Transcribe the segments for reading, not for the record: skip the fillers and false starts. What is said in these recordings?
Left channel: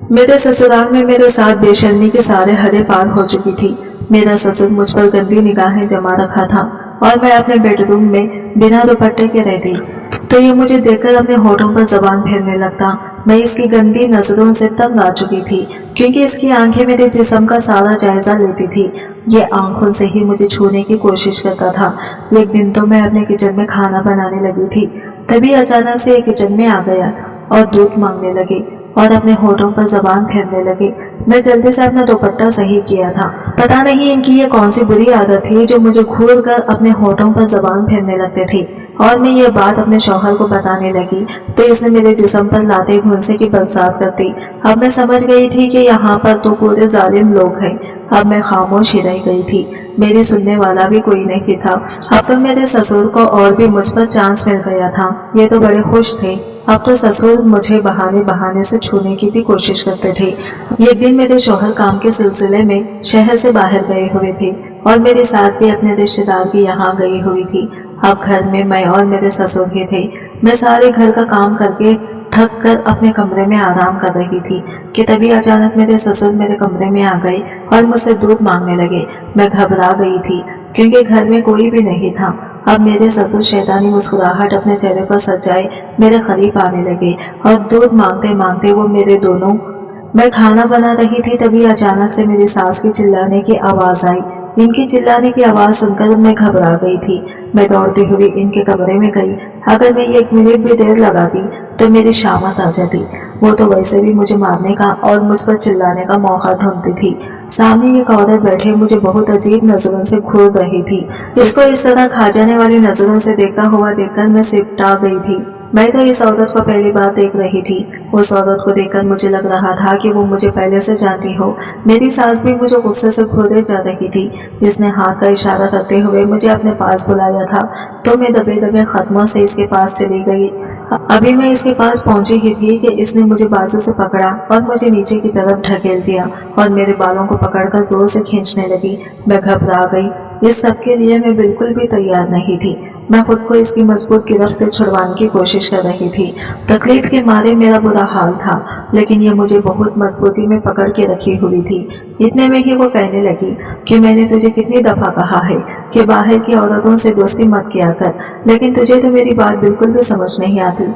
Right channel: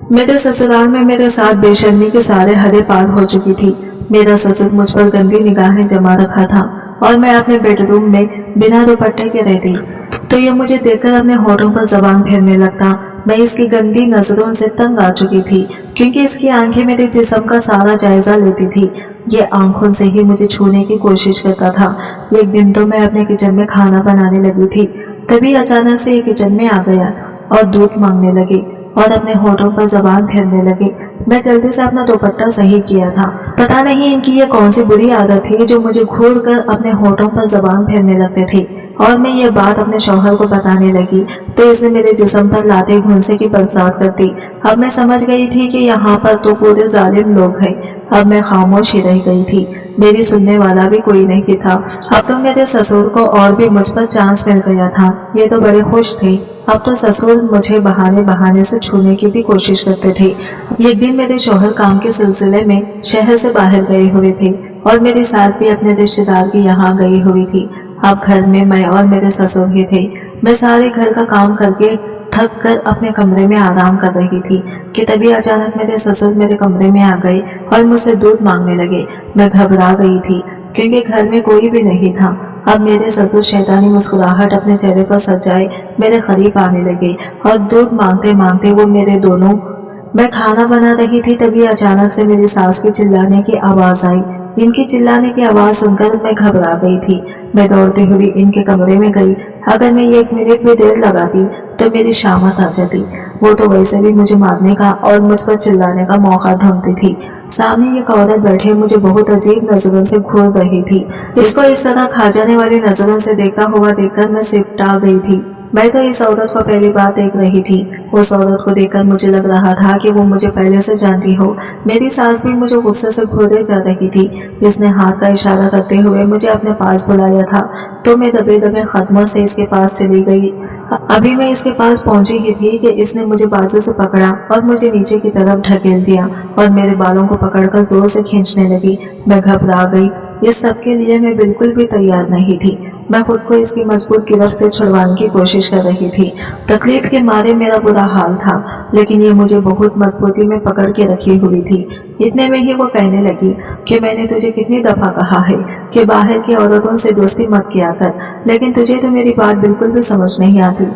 मेरे ससुराल में मेरे साथ बेशर्मी के सारे हदें पार हो चुकी थी। मेरा ससुर मुझ पर गंदी निगाहें जमा रखा था और मैं अपने बेडरूम में बिना दुपट्टे के रहती तो ये मुझे देखकर अपने होठों पर जबान फेरने लगता। मैं इसकी गंदी नजरों से तंग आ चुकी थी, क्योंकि इसकी आंखें मेरे जिस्म का सारा जायजा लेती थी। ये आंखों से ही मुझे छूने की कोशिश करता था। एक दिन तो मैं अपने किचन में खाना बनाने लगी थी, तभी अचानक से ये किचन में आ गया और दूध मांगने लगे और अपने होठों पर जबान फेरने लगे। मैं जल्दी से अपना दुपट्टा सही किया था। पता नहीं इनकी ये कौन सी बुरी आदत थी जो मुझे घूर कर अपने होठों पर जबान फेरने लगते थे। और मैं ये बात अपने शौहर को बताने लगी तो इसने मेरे जिस्म पर लाते घुंसे की बरसात कर दी। अब मैं समझ गई थी कि यहाँ पर तो पूरे जालिम लोग हैं। अब मैं खामोश ही रह गई थी, मेरी सुनने वाला भी कोई नहीं था। अब तो मेरे ससुर को और भी मुझ पर चांस मिल गया था। ये तो बड़े खुश थे। अब तो ससुर मुझे बहाने बहाने से छूने की भी कोशिश करते थे। एक दिन मेरे शौहर काम के सिलसिले में शहर से बाहर गए हुए थे और मेरी सास भी अपने रिश्तेदार के यहाँ गई हुई थी। अब घर में मैं और मेरे ससुर ही थे। मैं सारे घर का काम करके थक कर अपने कमरे में आराम कर रही थी कि तभी अचानक मेरे ससुर मेरे कमरे में आ गए और मुझसे दूध मांगने लगे। मैं घबरा गई थी क्योंकि घर में कोई भी नहीं था। अब मेरे ससुर शैतानी मुस्कुराहट अपने चेहरे पर सजाए मेरे करीब आने लगे और दूध मांगते मांगते वो मेरे दोनों। मैं खाना बना रही थी, तभी अचानक से मेरी सास की चिल्लाने की आवाज आई। इनकी चिल्लाने की आवाज सुनकर मैं घबरा गई थी। मैं दौड़ती हुई इनके कमरे में गई। अगर मैं 1 मिनट भी देर लगाती तो मेरी शामत आ जाती। वो तो वैसे भी मुझे मारने का और मुझ पर चिल्लाने का मौका ढूंढती थी। सामने एक औरत बैठे मुझे बहुत अजीब नजरों से घूर रही थी। इसको इस तरह खा जाने वाली नजरों से देखता हुआ देखकर मैं सिपटा गई थी। मैं तो इस औरत को पहली बार देख रही थी। उस औरत को देखकर मुझे लग रहा था कि वो मुझे पहले से जानती हो। मेरी सास भी मुझे गुस्से से घूरे जा रही थी। इसने हाथ का इशारा करते हुए मुझे अपने पास बुलाया था तो मैं दबे दबे कदमों से इसके पास चली गई। अभी मैं इसके पास पहुंची ही थी कि इसने मुझे बाजू से पकड़ा और मुझे नीचे की तरफ ढकेल दिया और मेरे बालों को पकड़कर जोर से खींचने लगी। मैं घबरा गई। इस सब के लिए मैं बिल्कुल भी तैयार नहीं थी। मैं खुद को इसकी मजबूत गिरफ्त से छुड़वाने की कोशिश कर रही थी। तकलीफ के मारे मेरा बुरा हाल था, लेकिन ये मुझे बहुत मजबूती में पकड़ के रखी हुई थी। इतने में ही वो कहने लगी कि मैंने तुझे कितनी दफा कहा है कि बाहर की औरतों से दोस्ती मत किया कर, लेकिन तुझे तो मेरी बात बिल्कुल भी समझ नहीं आती।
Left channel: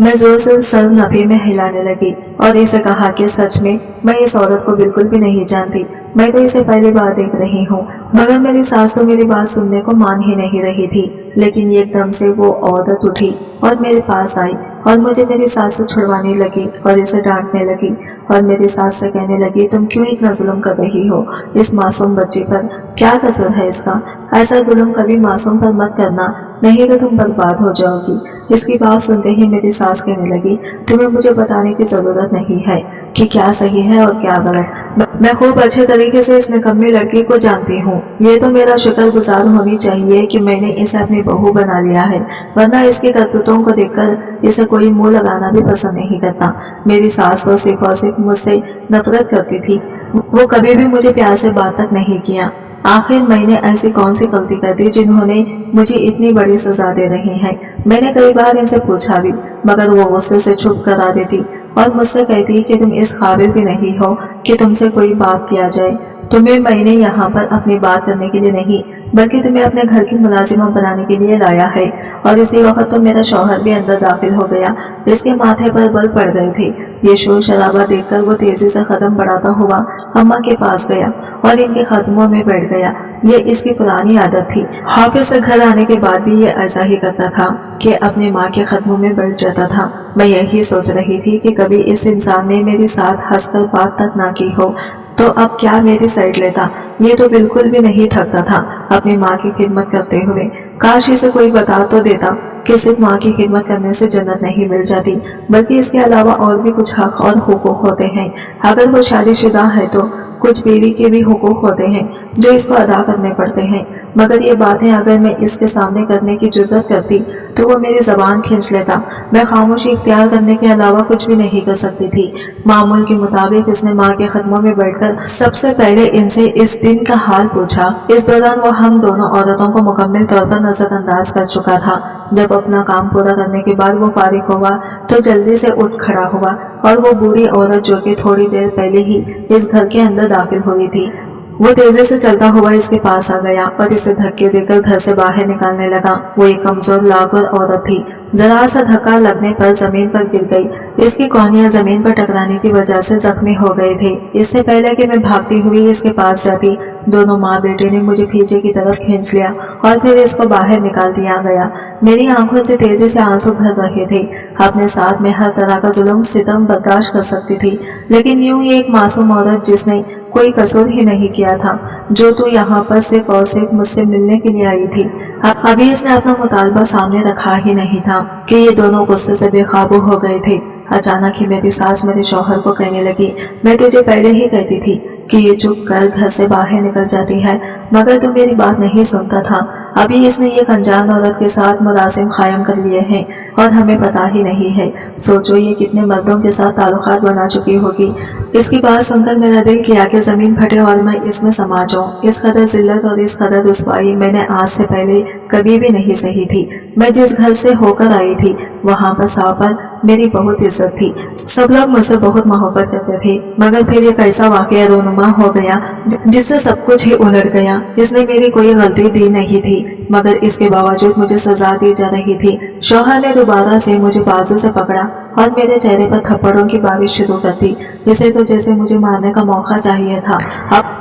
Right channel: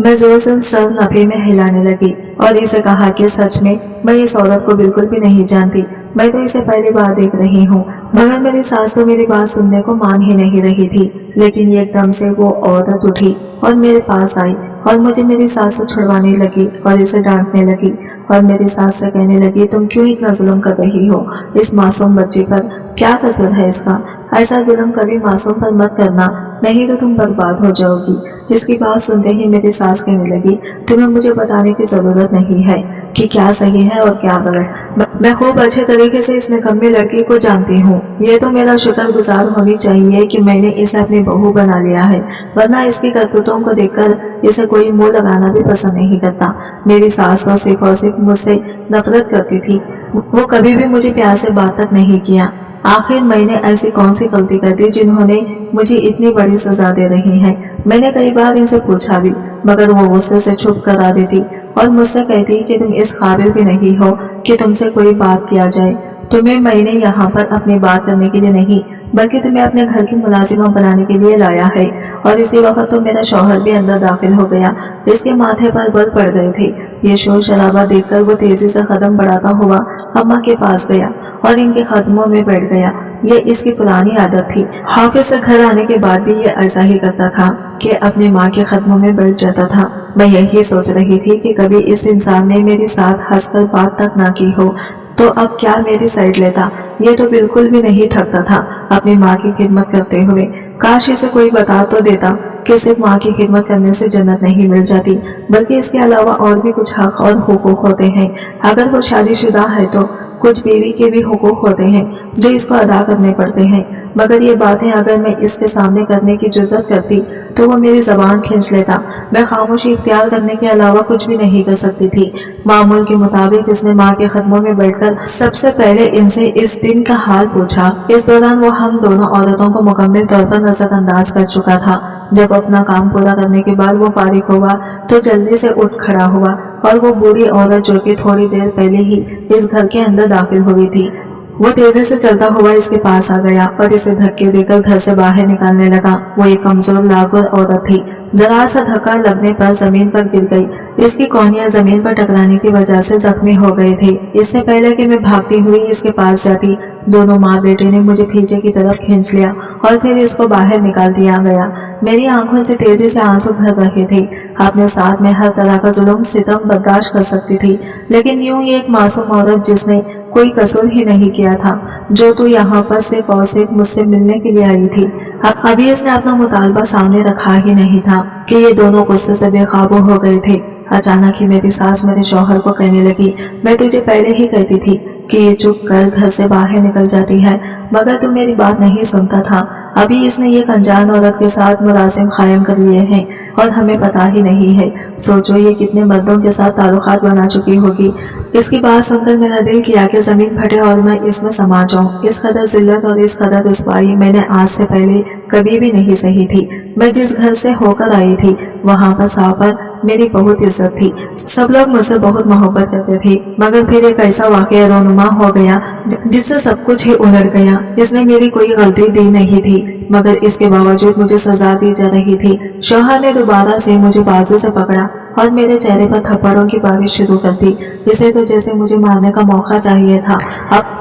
मैं जोर से सर नफी में हिलाने लगी और इसे कहा कि सच में मैं इस औरत को बिल्कुल भी नहीं जानती। मैं तो इसे पहली बार देख रही हूँ। मगर मेरी सास तो मेरी बात सुनने को मान ही नहीं रही थी। लेकिन एकदम से वो औरत उठी और मेरे पास आई और मुझे मेरी सास से छुड़वाने लगी और इसे डांटने लगी और मेरी सास से कहने लगी, तुम क्यों इतना जुल्म कर रही हो इस मासूम बच्ची पर? क्या कसूर है इसका? ऐसा जुल्म कभी मासूम पर मत करना, नहीं तो तुम बर्बाद हो जाओगी। इसकी बात सुनते ही मेरी सास कहने लगी, तुम्हें मुझे बताने की जरूरत नहीं है कि क्या सही है और क्या गलत। मैं खूब अच्छे तरीके से इस निकम्मी लड़की को जानती हूँ। ये तो मेरा शुक्रगुजार होनी चाहिए कि मैंने इसे अपनी बहू बना लिया है, वरना इसकी करतूतों को देखकर इसे कोई मुंह लगाना भी पसंद नहीं करता। मेरी सास तो सिर्फ और सिर्फ मुझसे नफरत करती थी। वो कभी भी मुझे प्यार से बात तक नहीं किया। आखिर मैंने ऐसी कौन सी गलती कर दी जिन्होंने मुझे इतनी बड़ी सजा दे रही है? मैंने कई बार इनसे पूछा भी, मगर वो गुस्से से चुप करा देती और मुझसे कहती कि तुम इस काबिल भी नहीं हो कि तुमसे कोई बात किया जाए। तुम्हें मैंने यहाँ पर अपनी बात करने के लिए नहीं, बल्कि तुम्हें अपने घर की मुलाजिमा बनाने के लिए लाया है। और इसी वक्त तो मेरा शौहर भी अंदर दाखिल हो गया। इसके माथे पर बल पड़ गए थे। ये शोर शराबा देखकर वो तेजी से कदम बढ़ाता हुआ अम्मा के पास गया और इनके कदमों में बैठ गया। ये इसकी पुरानी आदत थी। हाफिज से घर आने के बाद भी ये ऐसा ही करता था कि अपनी माँ के कदमों में बैठ जाता था। मैं यही सोच रही थी कि कभी इस इंसान ने मेरे साथ हंसकर बात तक ना की हो तो अब क्या मेरी साइड लेता। ये तो बिल्कुल भी नहीं थकता था अपनी माँ की खिदमत करते हुए। काश इसे कोई बता तो देता कि सिर्फ माँ की खिदमत करने से जन्नत नहीं मिल जाती, बल्कि इसके अलावा और भी कुछ हक और हुकूक होते हैं। अगर वो शादीशुदा है तो कुछ बीवी के भी हुकूक होते हैं जो इसको अदा करने पड़ते हैं। मगर ये बातें अगर मैं इसके सामने करने की जुर्रत करती तो वो मेरी जबान खींच लेता। मैं खामोशी इख्तियार करने के अलावा कुछ भी नहीं कर सकती थी। मामूल के मुताबिक इसने माँ के कदमों में बैठकर सबसे पहले इनसे इस दिन का हाल पूछा। इस दौरान वो हम दोनों औरतों को मुकम्मल तौर पर नजरअंदाज कर चुका था। जब अपना काम पूरा करने के बाद वो फारिग हुआ तो जल्दी से उठ खड़ा हुआ और वो बूढ़ी औरत जो कि थोड़ी देर पहले ही इस घर के अंदर दाखिल हुई थी, वो तेजी से चलता हुआ इसके पास आ गया और इसे धक्के देकर घर से बाहर निकालने लगा। वो एक कमजोर लागर औरत थी। जरा सा धक्का लगने पर जमीन पर गिर गई। इसकी कोहनियां जमीन पर टकराने की वजह से जख्मी हो गए थे। इससे पहले कि मैं भागती हुई इसके पास जाती, दोनों माँ बेटे ने मुझे पीछे की तरफ खींच लिया और फिर इसको बाहर निकाल दिया गया। मेरी आंखों से तेजी से आंसू भर रहे थे। अपने साथ में हर तरह का जुल्म सितम बर्दाश्त कर सकती थी, लेकिन यूं ही एक मासूम औरत जिसने कोई कसूर ही नहीं किया था, जो तू यहाँ पर सिर्फ और सिर्फ मुझसे मिलने के लिए आई थी। अभी इसने अपना मुतालबा सामने रखा ही नहीं था कि ये दोनों गुस्से से बेकाबू हो गए थे। अचानक ही मेरी सास मेरे शौहर को कहने लगी, मैं तुझे पहले ही कहती थी कि ये चुप कर घर से बाहर निकल जाती है, मगर तू मेरी बात नहीं सुनता था। अभी इसने ये अनजान औरत के साथ मुरासिम कायम कर लिए हैं और हमें पता ही नहीं है। सोचो ये कितने मर्दों के साथ ताल्लुकात बना चुकी होगी। इसकी बात सुनकर मेरा दिल किया कि जमीन फटे और मैं इसमें समा जाऊं। इस कदर जिल्लत और इस कदर रुसवाई मैंने आज से पहले कभी भी नहीं सही थी। मैं जिस घर से होकर आई थी वहां पर साव पर मेरी बहुत इज्जत थी। सब लोग मुझसे बहुत मोहब्बत करते थे, मगर फिर एक ऐसा वाकया रोनुमा हो गया जिससे सब कुछ ही उलट गया। इसने मेरी कोई गलती दी नहीं थी, मगर इसके बावजूद मुझे सजा दी जा रही थी। शौहर ने दोबारा से मुझे बाजू से पकड़ा और मेरे चेहरे पर थप्पड़ों की बारिश शुरू कर दी। इसे तो जैसे मुझे मारने का मौका चाहिए था।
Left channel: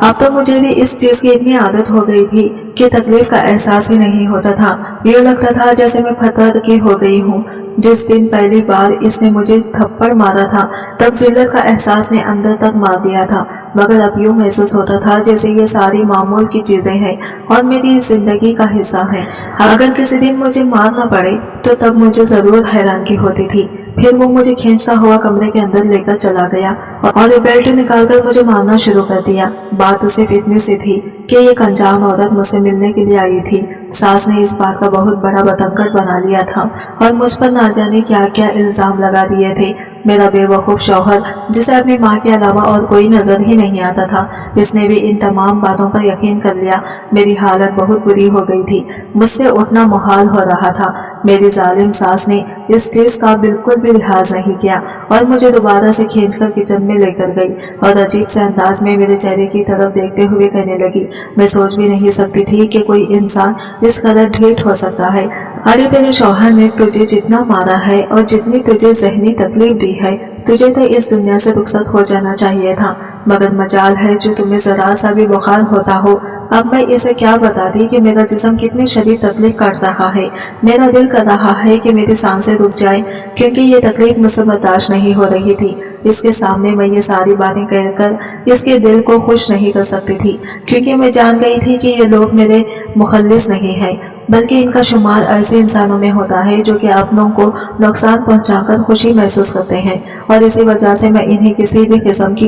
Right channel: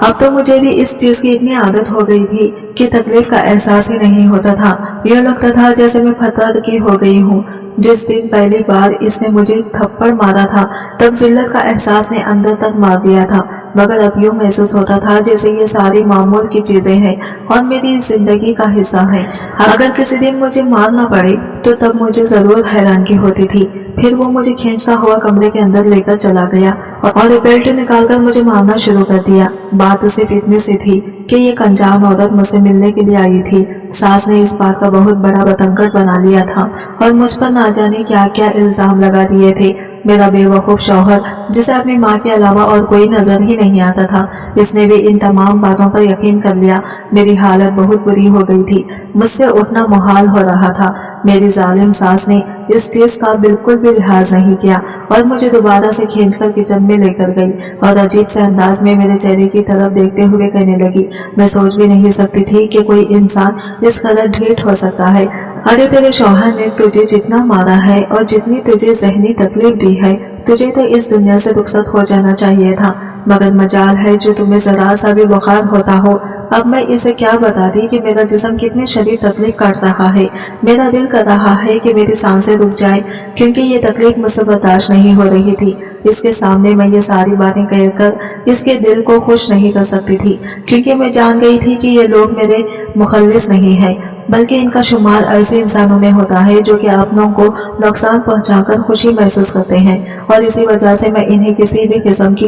अब तो मुझे भी इस चीज की इतनी आदत हो गई थी कि तकलीफ का एहसास ही नहीं होता था। यूँ लगता था जैसे मैं फतह की हो गई हूँ। जिस दिन पहली बार इसने मुझे थप्पड़ मारा था तब जिल्लत का एहसास ने अंदर तक मार दिया था, मगर अब यूँ महसूस होता था जैसे ये सारी मामूल की चीजें हैं और मेरी जिंदगी का हिस्सा है। अगर किसी दिन मुझे मारना पड़े तो तब मुझे जरूर हैरानगी होती थी। फिर वो मुझे खींचता हुआ कमरे के अंदर लेकर चला गया और बेल्ट निकालकर मुझे मारना शुरू कर दिया। बात सिर्फ इतनी सी थी कि ये अनजान औरत मुझसे मिलने के लिए आई थी। सास ने इस बात का बहुत बड़ा बतंगड़ बना लिया था और मुझ पर ना जाने क्या क्या इल्जाम लगा दिए थे। मेरा बेवकूफ शौहर, जिसे अपनी माँ के अलावा और कोई नजर ही नहीं आता था, इसने भी इन तमाम बातों पर यकीन कर लिया। मेरी हालत बहुत बुरी हो गई थी। मुझसे उठना मुहाल हो रहा था। मेरी जालिम सास ने इस चीज का बिल्कुल भी लिहाज नहीं किया और मुझे दोबारा से खींचकर किचन में लेकर गई और अजीब से अंदाज में मेरे चेहरे की तरफ देखते हुए कहने लगी, मैं सोच भी नहीं सकती थी कि कोई इंसान इस कदर ढीठ हो सकता है। अरे तेरे शौहर ने तुझे जितना मारा है और जितनी तुझे जहनी तकलीफ दी है, तुझे तो इस दुनिया से रुखसत हो जाना चाहिए था, मगर मजाल है जो तुम्हें जरा सा भी बुखार होता हो। अब मैं इसे क्या बताती कि मेरा जिस्म कितनी शदीद तकलीफ काट रहा है। मेरा दिल कर रहा है कि मेरी सांसें रुक जाए, क्योंकि ये तकलीफ मुझसे बर्दाश्त नहीं हो रही थी। इसके सामने मैं ये सारी बातें कहकर इसके दिल को खुश नहीं कर सकती थी, क्योंकि मैं जान गई थी कि ये लोग मेरे मुखल्लिस नहीं है, बल्कि इनका शुमार ऐसे इंसानों में होता है जो कि अपनों को नुकसान पहुंचाकर खुशी महसूस करते हैं, और इसी वजह से मैं इन्हें किसी भी किस्म की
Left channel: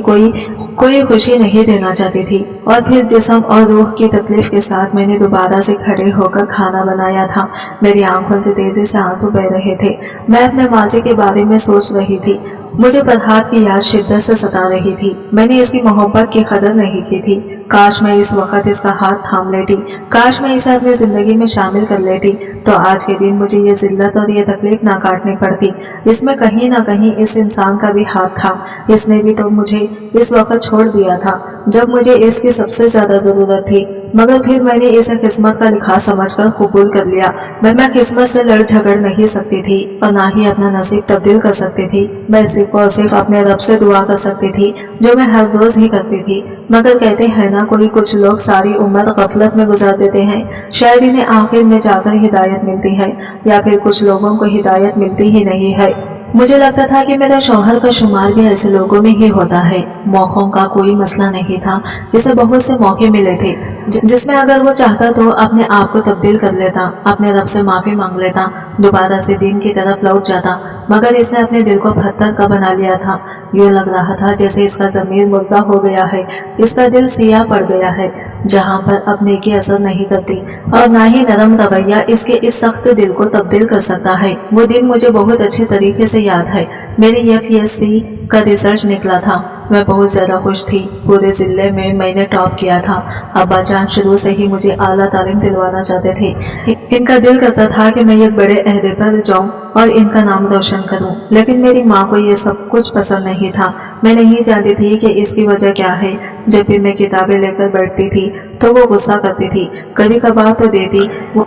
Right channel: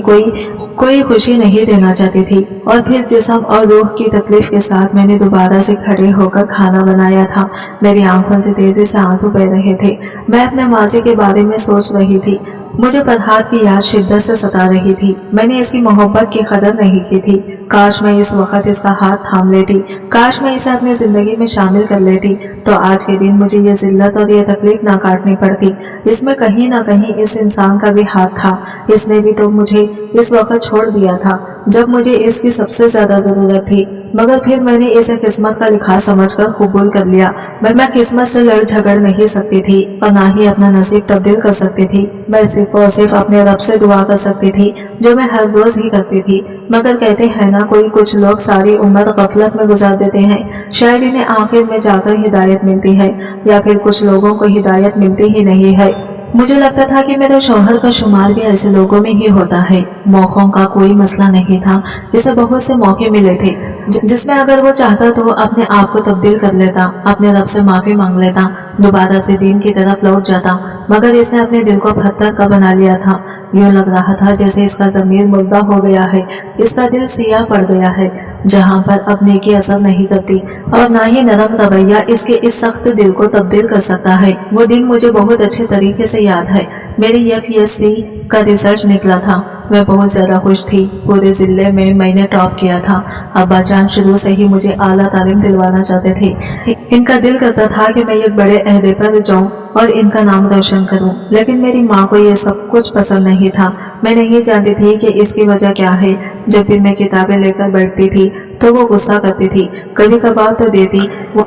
कोई खुशी नहीं देना चाहती थी। और फिर जिस्म और रूह की तकलीफ के साथ मैंने दोबारा से खड़े होकर खाना बनाया था। मेरी आंखों से तेजी से आंसू बह रहे थे। मैं अपने माजी के बारे में सोच रही थी। मुझे फरहाद की याद शिद्दत से सता रही थी। मैंने इसकी मोहब्बत की कदर नहीं की थी। काश मैं इस वक्त इसका हाथ थाम लेती, काश मैं इसे अपनी जिंदगी में शामिल कर लेती, तो आज के दिन मुझे ये जिल्लत और ये तकलीफ ना काटनी पड़ती। इसमें कहीं ना कहीं इस इंसान का भी हाथ था। इसने भी तो मुझे इस वक्त छोड़ दिया था जब मुझे इसकी सबसे ज्यादा जरूरत थी, मगर फिर मैंने इसे किस्मत का लिखा समझकर कबूल कर लिया। मैं किस्मत से लड़ झगड़ नहीं सकती थी और ना ही अपना नसीब तब्दील कर सकती थी। मैं सिर्फ और सिर्फ अपने रब से दुआ कर सकती थी, जो मैं हर रोज ही करती थी। मगर कहते हैं ना, कोई कुछ लोग सारी उम्र गफलत में गुजार देते हैं, शायद इन्हें आखिर में जाकर हिदायत मिलती है, या फिर कुछ लोगों को हिदायत मिलती ही नहीं है। मुझे लगता था कि मेरे शौहर का शुमार भी ऐसे लोगों में ही होता है। मौकों का कोई मसला नहीं था। इसे बहुत से मौके मिले थे जिसमें अगर वो चाहता तो अपने आप को तब्दील कर लेता, अपने रब से माफी मांग लेता, दोबारा से दीन की तरफ लौट जाता, मगर इसने अपने दिल को पत्थर का बना लिया था। यूँ लग रहा था जैसे इसका ज़मीर मुर्दा हो गया है, इसका दिल सियाह पड़ गया है, जहाँ पर अब नेकी असर नहीं करती और ना ही नरम रवैया इसके इस सख्त दिल को तब्दील कर सकता है। वो दिन मुझे बहुत अच्छे तरीके से याद है। मेरी FSC का रिजल्ट निकला था मैं बहुत ज़्यादा खुश थी। पूरे ज़िले में मैंने टॉप किया था। अब्बा जान शुरू से ही मुझे आला तालीम दिलवाना चाहते थे। इनका दिल करता था कि मैं एक बड़े अहदे पर जाऊं और इनका नाम रोशन करूं, लेकिन मेरी माँ को ये सब कुछ पसंद नहीं था। मैं नहीं जानती थी कि इसकी वजह क्या है। जब भी मैं किताबें लेकर बैठती थी तो वो गुस्सा करती थी, कभी कभार तो देती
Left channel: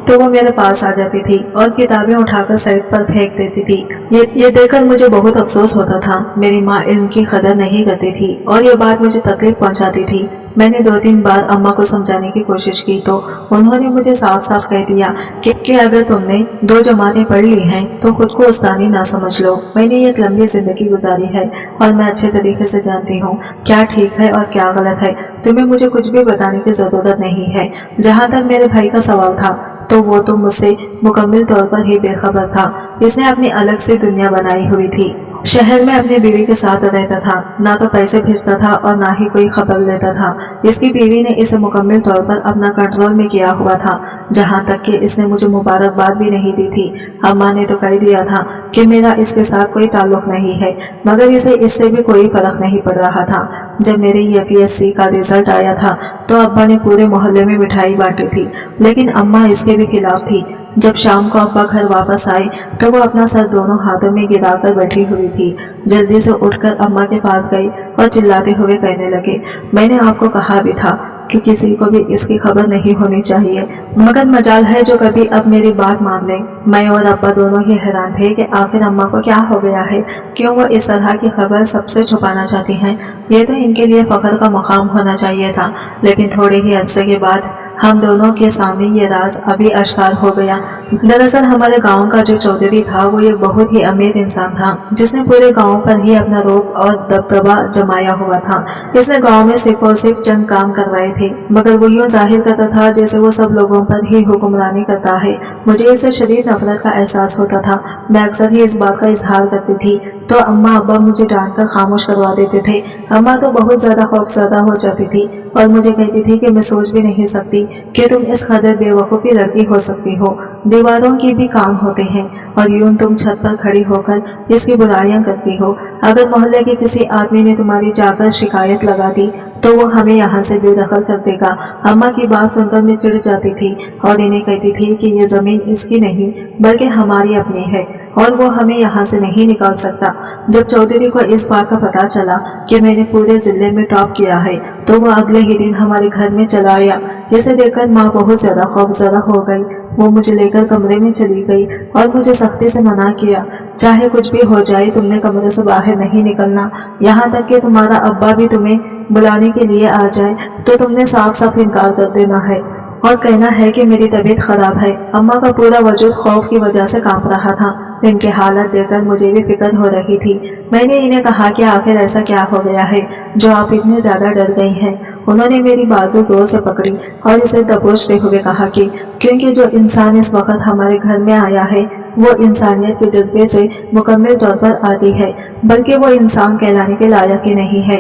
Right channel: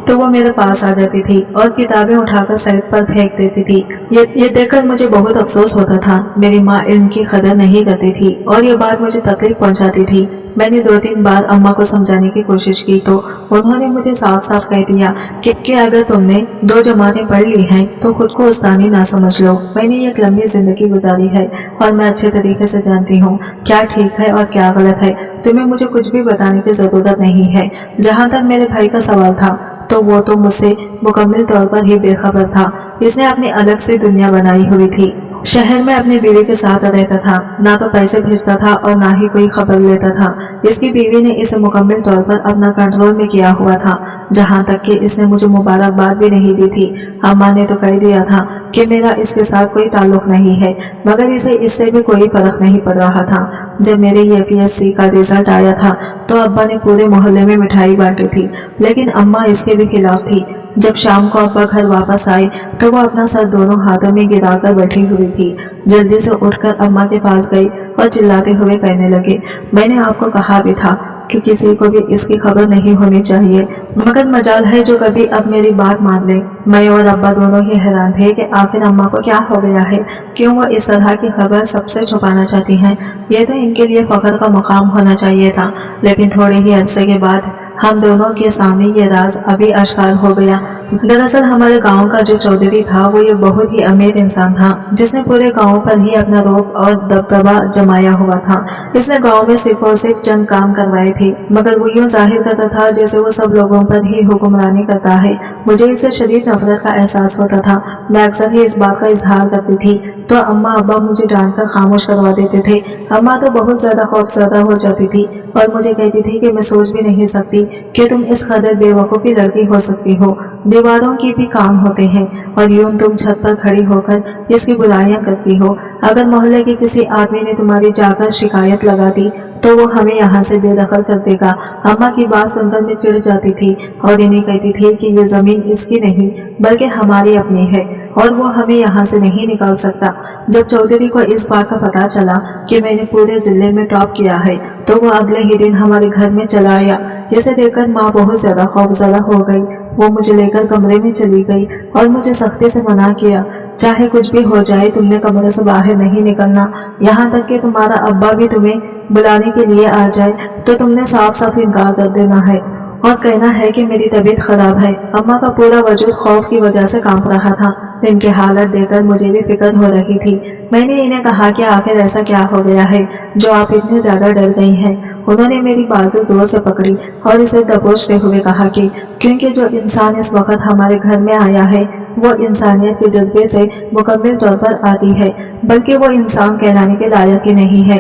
तो वो मेरे पास आ जाती थी और किताबें उठाकर साइड पर फेंक देती थी। ये देखकर मुझे बहुत अफसोस होता था। मेरी माँ इल्म की कदर नहीं करती थी और ये बात मुझे तकलीफ पहुंचाती थी। मैंने 2-3 बार अम्मा को समझाने की कोशिश की तो उन्होंने मुझे साफ साफ कह दिया कि अगर तुमने 2 जमातें पढ़ ली हैं तो खुद को उस्तानी ना समझ लो। मैंने एक लंबी जिंदगी गुजारी है और मैं अच्छे तरीके से जानती हूँ क्या ठीक है और क्या गलत है। तुम्हें मुझे कुछ भी बताने की जरूरत नहीं है। जहाँ तक मेरे भाई का सवाल था तो वो तो मुझसे मुकम्मल तौर पर ही बेखबर था। इसने अपनी अलग से दुनिया बनाई हुई थी। शहर में अपनी बीवी के साथ रहता था, ना तो पैसे भेजता था और ना ही कोई खबर लेता था। इसकी बीवी ने इसे मुकम्मल तौर पर अपना कंट्रोल में किया हुआ था। जहाँ तक कि इसने मुझे मुबारकबाद भी नहीं दी थी। अम्मा ने तो कह दिया था कि मेरा इसके साथ कोई ताल्लुक नहीं है, मगर इसे इससे भी कोई फर्क नहीं पड़ रहा था। जब मेरे UPSC का रिजल्ट आया था तो अब्बा ने पूरे मोहल्ले में मिठाई बांटी थी, लेकिन अम्मा इसके भी खिलाफ थी। जब शाम को अब्बा घर वापस आए तो वो अपना सर दोनों हाथों में गिराकर बैठी हुई थी। जल्दी से उठकर अम्मा के पास गई और चिल्लाते हुए कहने लगे, मैंने आपको कहा भी था कि किसी को भी इसकी खबर नहीं होनी चाहिए, मगर मजाल है जो कभी अब मेरी बात मान ले। मैं और अब्बा दोनों ही हैरान थे कि आखिर अम्मा को क्या हो गया है, क्यों वो इस तरह की खबर सबसे छुपाना चाहती हैं। ये तो इनके लिए फख्र का मुकाम होना चाहिए था, लेकिन थोड़े ही अरसे के बाद हम दोनों के सामने ये राज अभी आश्कार हो गया। दरअसल हमारे गांव का जो चौधरी था वो एक बहुत ही अमीर इंसान था, जिसने पूरे गांव पर ही अपना रोब और दबदबा जमाया हुआ था। इसने गांव में सिर्फ और सिर्फ चंद काम करवाए थे, मगर वो यूं जाहिर करता था जैसे वो सब लोगों पर ही हुक्मरानी करता है। मुझे इससे शदीद नफरत का एहसास होता था। मैं अक्सर ही इस बात का इजहार करती थी तो अम्मा अब्बा मुझे डांट कर खामोश करवा देते थे। अम्मा तो बहुत ज्यादा खौफजदा हो जाती थी और मुझे कहती थी कि मैं सोच भी नहीं सकती कि तुम इस कदर बेवकूफ़ी लड़की हो सकती हो। दीवारों की भी कान होते हैं और यूं तुम छत पर खड़ी होकर इसकी बुराइयां करती हो। अगर मोहल्ले के किसी आदमी ने तुम्हारी जाकर शिकायत लगा दी तो वो हमें यहाँ से बेदखल कर देगा। अम्मा की बात सुनकर मैं चिढ़ जाती थी और इन्हें कहती थी कि ये जमीन इसकी नहीं बल्कि हमारी अपनी है और वो हमें यहाँ से नहीं निकाल सकता। जब चौधरी को इस बात का पता चला कि मैंने पूरे जिले में टॉप किया है तो वो अगले ही दिन हमारे घर में चला आया। इसे देखकर माँ बहुत ज्यादा खौफजदा हो गई। वो मुझे लेकर कमरे में चली गई और मुझे सख्ती से मना किया, चाहे कुछ भी हो जाए तुमने कमरे से बाहर नहीं निकलना। यहाँ तक कि तुम्हारा अब्बा भी तुम्हें बुलाने के लिए आ जाए तो तुमने साफ साफ इनकार कर देना है और कहना है कि मेरी तबीयत खराब है। अम्मा का पूरा वजूद खौफ की वजह से कांप रहा था। इनकी हालत देखकर मुझे भी फिक्र हो रही थी। मैंने इन्हें कहा कि आखिर ऐसा क्या हो गया है जो आप इतने ज्यादा डर गई हैं। उन्होंने मेरी बाजू जोर से पकड़ी और इसे दबोचते हुए कहा कि क्योंकि जो इंसान इस वक्त हमारे घर में आया है वो इंसानियत के जज्बे से मुकम्मल तौर पर आती है, बल्कि वो इंसान कहलाने के लायक ही नहीं है।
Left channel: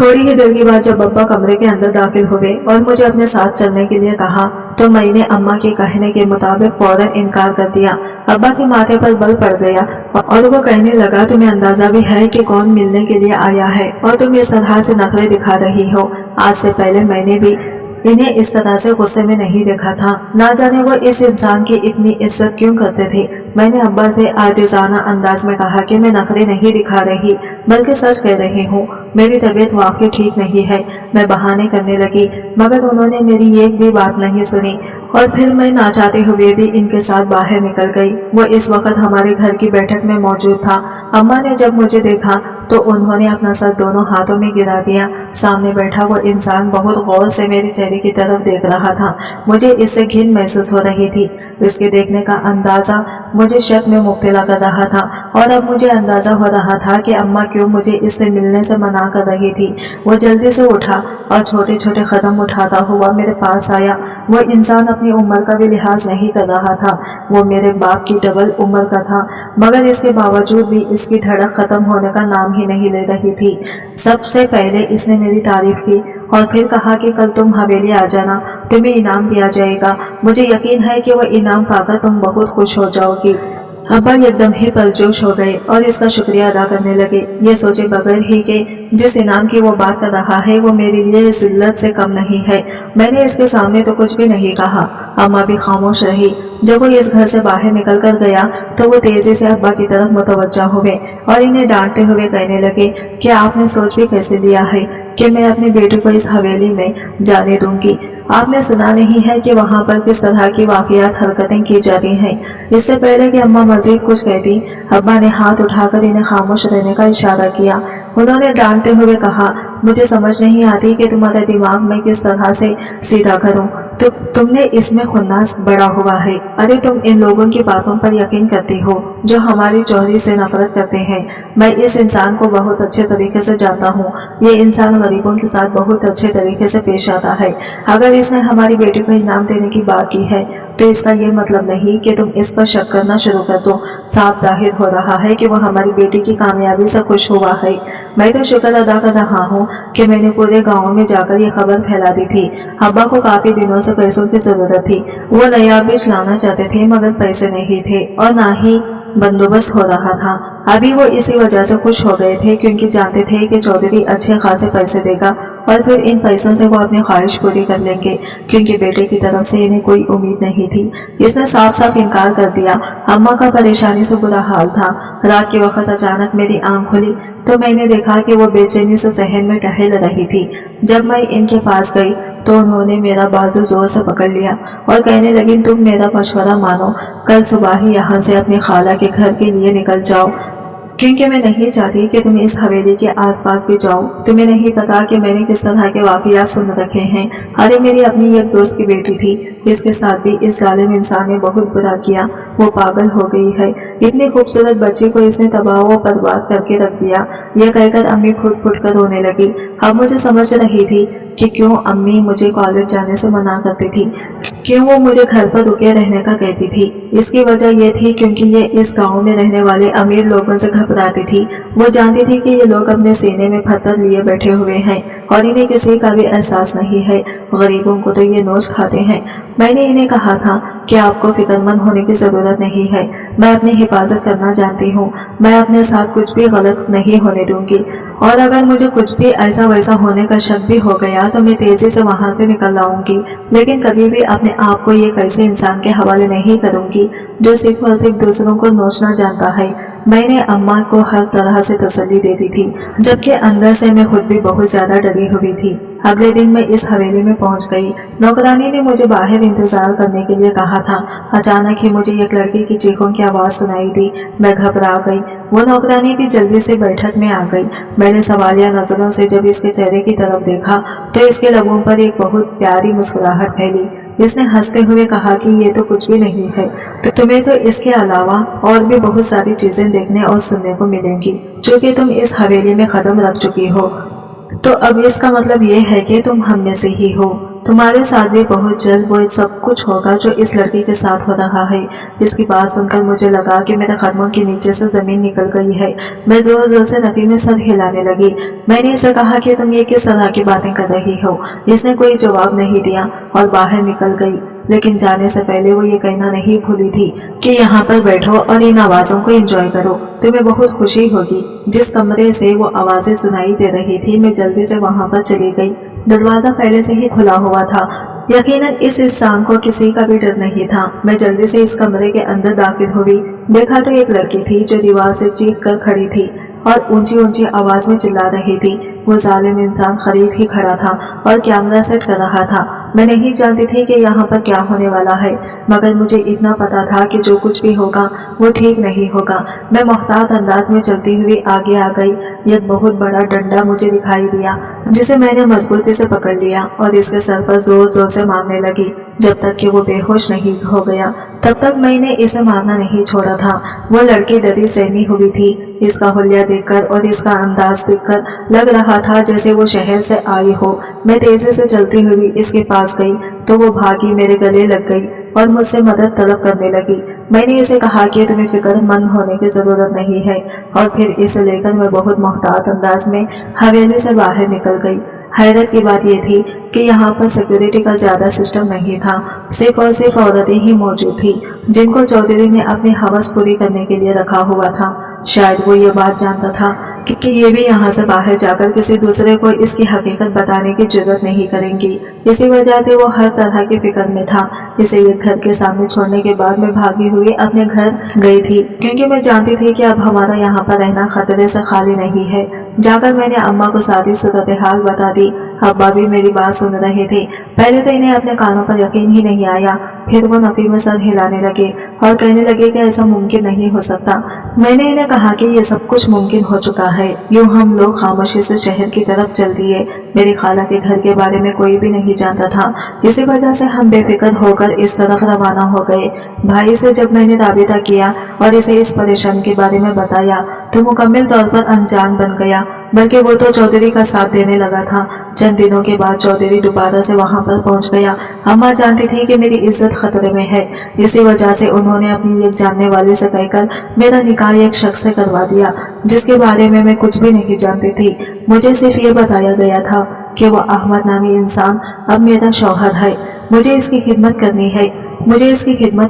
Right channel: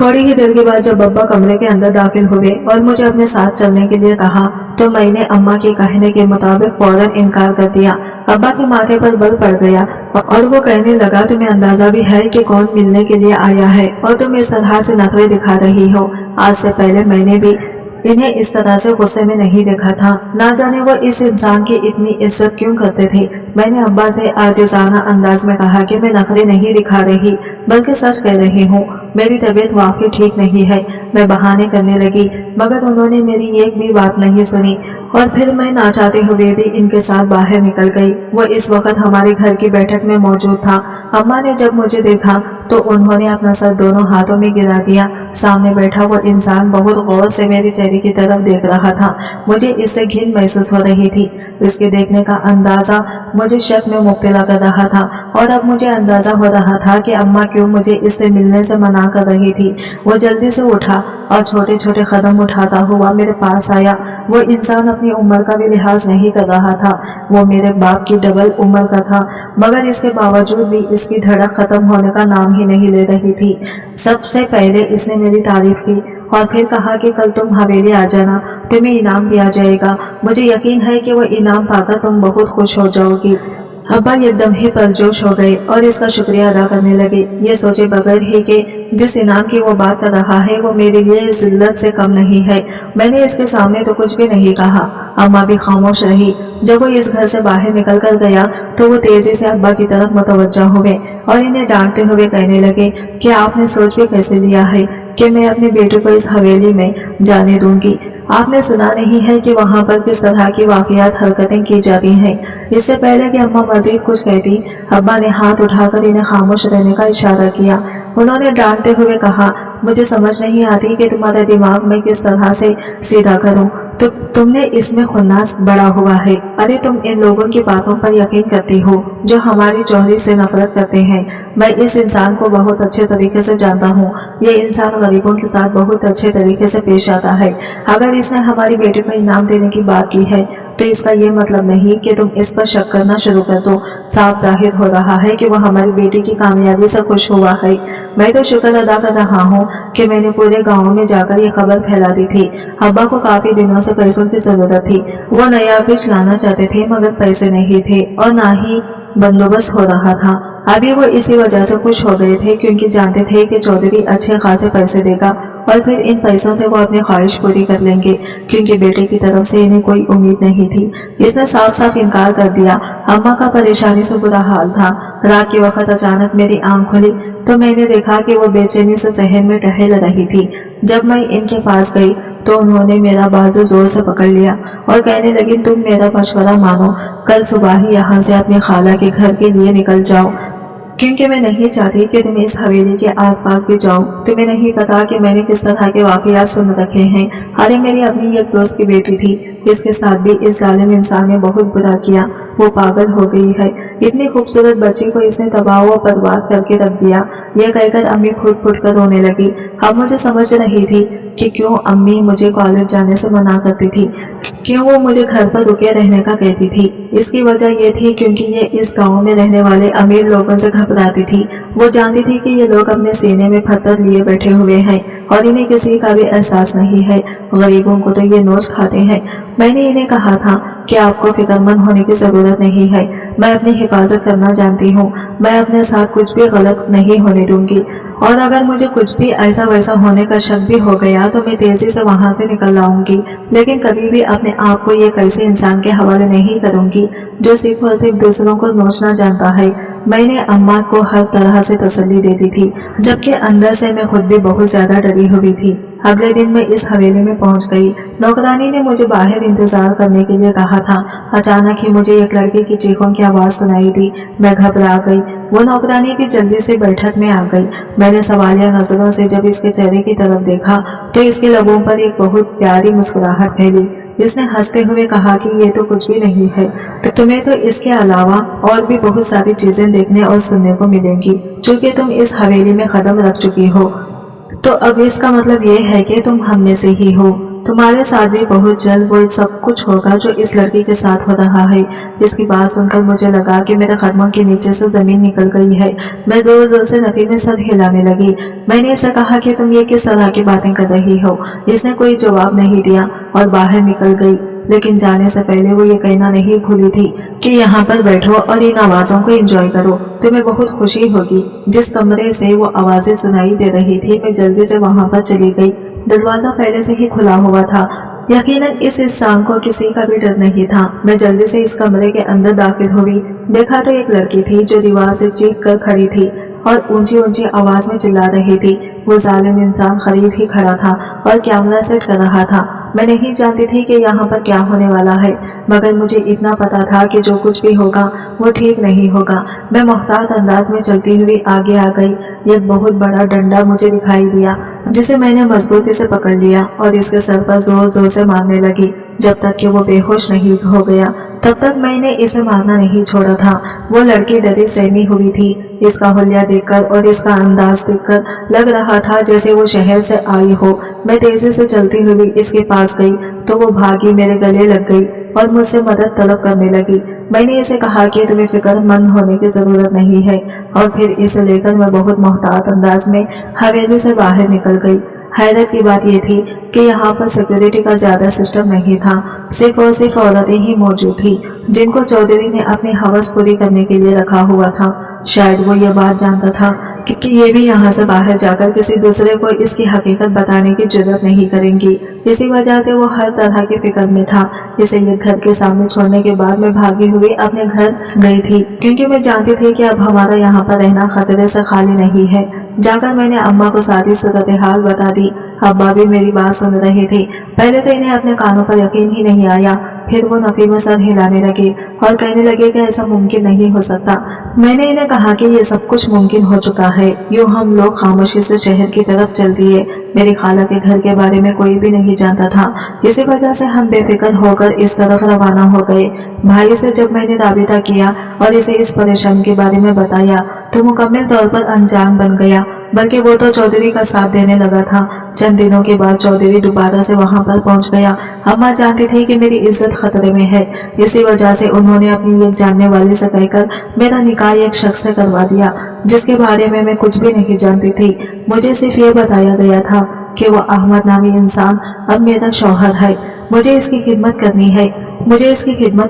थोड़ी ही देर के बाद जब अब्बा कमरे के अंदर दाखिल हुए और मुझे अपने साथ चलने के लिए कहा तो मैंने अम्मा के कहने के मुताबिक फौरन इनकार कर दिया। अब्बा के माथे पर बल पड़ गया और वो कहने लगा, तुम्हें अंदाजा भी है कि कौन मिलने के लिए आया है और तुम इस तरह से नखरे दिखा रही हो। आज से पहले मैंने भी इन्हें इस तरह से गुस्से में नहीं देखा था। ना जाने वो इस इंसान की इतनी इज्जत क्यों करते थे। मैंने अब्बा से आजिज़ाना अंदाज में कहा कि मैं नखरे नहीं दिखा रही बल्कि सच कह रही हूँ, मेरी तबीयत वाकई ठीक नहीं है। मैं बहाने करने लगी मगर उन्होंने मेरी एक भी बात नहीं सुनी और फिर मैं ना चाहते हुए भी इनके साथ बाहर निकल गई। वो इस वक्त हमारे घर की बैठक में मौजूद था। अम्मा ने जब मुझे देखा तो उन्होंने अपना सर दोनों हाथों में गिरा दिया। सामने बैठा वो इंसान बहुत गौर से मेरे चेहरे की तरफ देख रहा था। मुझे इससे घिन महसूस हो रही थी। इसके देखने का अंदाजा मुझे शक में मुब्तला कर रहा था और अब मुझे अंदाजा हो रहा था कि अम्मा क्यों मुझे इससे मिलने से मना कर रही थी। वो जल्दी से उठा और छोटे छोटे कदम उठाता हुआ मेरे पास आया। वो इंसान अपनी उम्र का भी लिहाज नहीं कर रहा था। वो मेरे बाप की डबल उम्र का था, मगर इसके बावजूद भी इसकी धड़क खत्म होने का नाम ही नहीं ले रही थी। सबसे पहले इसने मेरी तारीफ की और फिर कहा कि कल तुम हवेली आ जाना, तुम्हें इनाम दिया जाएगा। मुझे यकीन है कि वह इनाम पाकर तुम बहुत खुश हो जाओगी। अब्बा एकदम ही परजोश हो गए और इसका शुक्रिया अदा करने लगे, ये सोचे बगैर ही कि जिस इनाम की वो बात कर रहा है वो मेरे लिए जिल्लत से कम नहीं है। मैंने इसके सामने तो कुछ भी नहीं कहा। अम्मा भी खामोश रही। जब वो इस घर से बाहर निकल कर गया तो वो तेजी से अब्बा की तरफ मुतवज्जा हुए और इन्हें डांटते हुए कहने लगे कि आपने सोच भी कैसे लिया है कि मैं अपने बेटे को इस हवेली में जाने दूंगी। आपने सुना नहीं है कि वहाँ पर किस तरह की वाक़ियात हरकतें की जाती हैं। इससे पहले कि अम्मा मजीद कुछ कहती, अब्बा ने हाथ उठाकर इन्हें खामोश रहने का इशारा किया। उन्होंने डांटते हुए कहा, मुझे समझ नहीं आती कि तुम्हारा दिमाग मैं किस तरह से सीधा करूं। तो तुमने इसमें खुन्नास बड़ा हुआ है। अरे तुम इन लोगों की बातों पर यकीन करती हो जो हमारी चौधरी से नफरत करते हैं। मैं इस इंसान को बहुत अच्छे तरीके से जानता हूँ। ये इंसान गरीबों के साथ बहुत अच्छे तरीके से पेश आता है। अगर इसने हमारी बेटी को इनाम देने की बात की है तो इसका ये मतलब नहीं कि तुम इस पर शक करना शुरू कर दो। साफ जाहिर हो रहा है कि वो हमारी बेटी की कामयाबी से खुश हुआ है। मैं तो शुक्र अदा कर रहा हूँ कि मैंने पूरे गांव में जाकर ये खबर फैला दी थी। अब्बा को काफी दिनों से पैसों की जरूरत थी। वो नया बीज लाना चाहते थे मगर पैसे नहीं थे और ना ही बंदोबस्त हो रहा था। अभी वो इसी वजह से खुश हो गए थे क्योंकि जानते थे कि चौधरी अच्छे खासे पैसे देगा और फिर इन पैसों से वो अपनी ख्वाहिश पूरी कर लेंगे क्योंकि बेटे की तरफ से इन्हें कोई उम्मीद नहीं थी। इसने साफ साफ इनकार कर दिया। अम्मा का परेशानी से बुरा हाल था। रात के वक्त अचानक मेरी आंख खुली तो मैंने देखा कि वो बेचैनी से सहन में टहल रही थी। जब मैं इनके पास गई तो उन्होंने मेरा बाजू जोर से पकड़ लिया और कहने लगी, तुम मेरा मशवरा मानो, कल सुबह ही यहाँ से अपनी खाला के घर के लिए निकल जाओ क्योंकि मैं नहीं चाहती कि तुम इस हवेली के आसपास भी जाओ। तुम्हें नहीं पता कि मैंने किस तरह के वाकयात सुन रखे हैं। अरे मेरी अपनी एक दोस्त की बेटी थी, इसके साथ भी इस जालिम इंसान ने बहुत बुरा किया। वो पागल हो गई है। इतनी खूबसूरत बच्ची को इसने तबाह व बर्बाद करके रख दिया। यह कहकर अम्मी फुट फुट कर रोने लगी। अब मुझे समझ रही थी कि क्यों अम्मी मुझे कॉलेज जाने से मना करती थी, क्यों वो मुझे घर पर रुके रहने का कहती थी। इसकी वजह यह थी क्योंकि ये इस गांव में रहने वाले अमीर लोगों से घबराती थी। वो जानती थी कि ये लोग अपने सीने में पत्थर लिए बैठे हुए हैं और इन्हें किसी का भी एहसास नहीं है। गरीबों को तो ये नोच खाते हैं। मैंने इन्हें कहा था कि आपको फिक्रमंद होने की जरूरत नहीं है। मैं अपनी हिफाजत करना जानती हूँ। मैं अपने साथ कुछ भी गलत नहीं होने दूंगी और अगर मुझे कुछ भी ऐसा वैसा होने का शक भी हो गया तो मैं तेजी से वहां से निकल आऊंगी, लेकिन कभी भी अपने आप को एक ऐसे इंसान के हवाले नहीं करूंगी जो सिर्फ और सिर्फ दूसरों को नोचना जानता है। मैंने अम्मा को हर तरह से तसल्ली दे दी थी, जबकि अंदर से मैं खुद भी बहुत ज्यादा डरी हुई थी। अगले दिन मैं इस हवेली में पहुंच गई। नौकरानी ने मुझे बाहर इंतजार करने के लिए कहा था। अचानक ही मुझे एक लड़के की चीखों की आवाज सुनाई दी। मैं घबरा गई। वो नौकरानी भी जल्दी से बैठक में आ गई। मैंने सवालिया नजरों से जब इसके चेहरे की तरफ देखा तो इसके लबों पर एक बहुत प्यारी मुस्कुराहट फैली। इसने हंसते हुए कहा कि ये तो कुछ भी नहीं है, तो तुम्हें तो इसके अलावा और भी बहुत सारी चीजें देखने और सुनने को मिलेंगी चूंकि तुम इस हवेली में कदम रख चुकी हो। तो अब इसका मतलब ये है कि तुम हम में से ही हो। तुम्हारे साथ भी बहुत जल्द वो सब कुछ होगा जो इस लड़की के साथ हो रहा है। इसकी बात सुनकर मुझे लगा कि मेरे कदमों के नीचे से जमीन निकल गई है। मैं जोर जोर से नफी में सर हिलाने लगी। मैंने इसे कहा कि तुम ये किस तरह की बातें कर रही हो। इसने कोई जवाब नहीं दिया और बाहर निकल गई, लेकिन जाने से पहले वो ये कहना नहीं भूली थी कि यहाँ पर बैठो और इन आवाजों को एंजॉय करो। तुम्हें बहुत खुशी होगी। जिस कमरे से वो आवाजें सुनाई दे रही थी मैं जल्दी से वहां पर चली गई। दरवाजा पहले से ही खुला हुआ था। यकीनन इस इंसान को किसी का भी डर नहीं था। मैं जल्दी से इस कमरे के अंदर दाखिल हुई। देखा तो एक लड़की थी जो दीवार से चीख कर खड़ी थी और ऊंची ऊंची आवाज में चिल्ला रही थी। वो जालिम इंसान करीब ही खड़ा था और कैमरा सेट कर रहा था। मैं नहीं जानती थी कि यहाँ पर क्या होने वाला है, मगर मुझे इतना पता था कि जो कुछ भी होगा वो ठीक नहीं होगा। मैं मोहतात अंदाज में चलती हुई आगे आ गई। एक बहुत बड़ा डंडा मुझे दिखाई दिया जिसे मैंने मजबूती से पकड़ लिया और इसके सर पर जोर जोर से मारने लगी जब तक कि वो बेहोश नहीं हो गया। तब तक मैंने इसे मारना नहीं छोड़ा था। वो लड़की डरी सहमी हुई थी। इसका हुलिया देखकर और इसका अंदाज देखकर लग रहा था जैसे वो शहर से आई हो। मैं तेजी से चलती हुई इसके पास गई तो वो भागी मेरे गले लग गई और मुझसे मदद तलब करने लगी। मैंने इसे कहा कि तुम्हें फिक्रमंद होने की जरूरत नहीं है और फिर इसे लेकर मैं बहुत मोहतात अंदाज में हवेली से बाहर निकल गई। हैरत की बात यह थी कि यहाँ पर सिक्योरिटी का ज्यादा सिस्टम नहीं था। सिर्फ और सिर्फ औरतें ही मौजूद थी जिनको चौधरी ने अपनी हवस पूरी करने के लिए रखा हुआ था। शायद वो ये बात जानता था کہ ये भी यहाँ से बाहर जाकर किसी दूसरे को इसकी हकीकत बताने की जरूरत नहीं करेंगी। इसी वजह से वो हर तरह की फिक्र में था। इसे ये घर के सामने छोड़ने के बाद मैं भागी हुई अपने घर गई थी, क्योंकि मैं जानती थी कि अब हमारा यहाँ पर रहना खतरे से खाली नहीं है। जाकर मैंने अम्मा को सारी सूरत हाल बता दी। अब्बा भी मेरी बात सुन रहे थे। पहले तो इन्हें अपने कानों पर यकीन ही नहीं आया, फिर वो नफी में सर हिलाने लगे और कहने लगे कि ऐसा मुमकिन नहीं हो सकता। मैंने इन्हें कहा कि ये सब कुछ मुमकिन हो चुका है। यूं हम लोग खामोशी से शहर की तरफ चल दिए। मेरी खाला के घर के बारे में कोई भी नहीं जानता था, इसी वजह से हम बेफिक्र होकर इस तरफ रवाना हो गए। भाई से जब मैंने राबिता किया और इसे इस परेशानी के बारे में बताया तो मुकम्मल तौर पर अनजान बन गया, बल्कि वो तो चौधरी का साथ देने लगा था। चंद दिनों के बाद चौधरी दोबारा से वहां पर पहुंच गया। अम्मा जानती थी कि मेरी इज्जत खतरे में है, इसी वजह से उन्होंने अपनी एक जानने वाली से कहकर मेरा निकाह एक शख्स से करवा दिया, जिसके बारे में मैं कुछ भी नहीं जानती थी। मुझे सिर्फ ये बताया गया था कि वो अहमद नामी इंसान अब मेरा शौहर है। मुझे इसकी खिदमत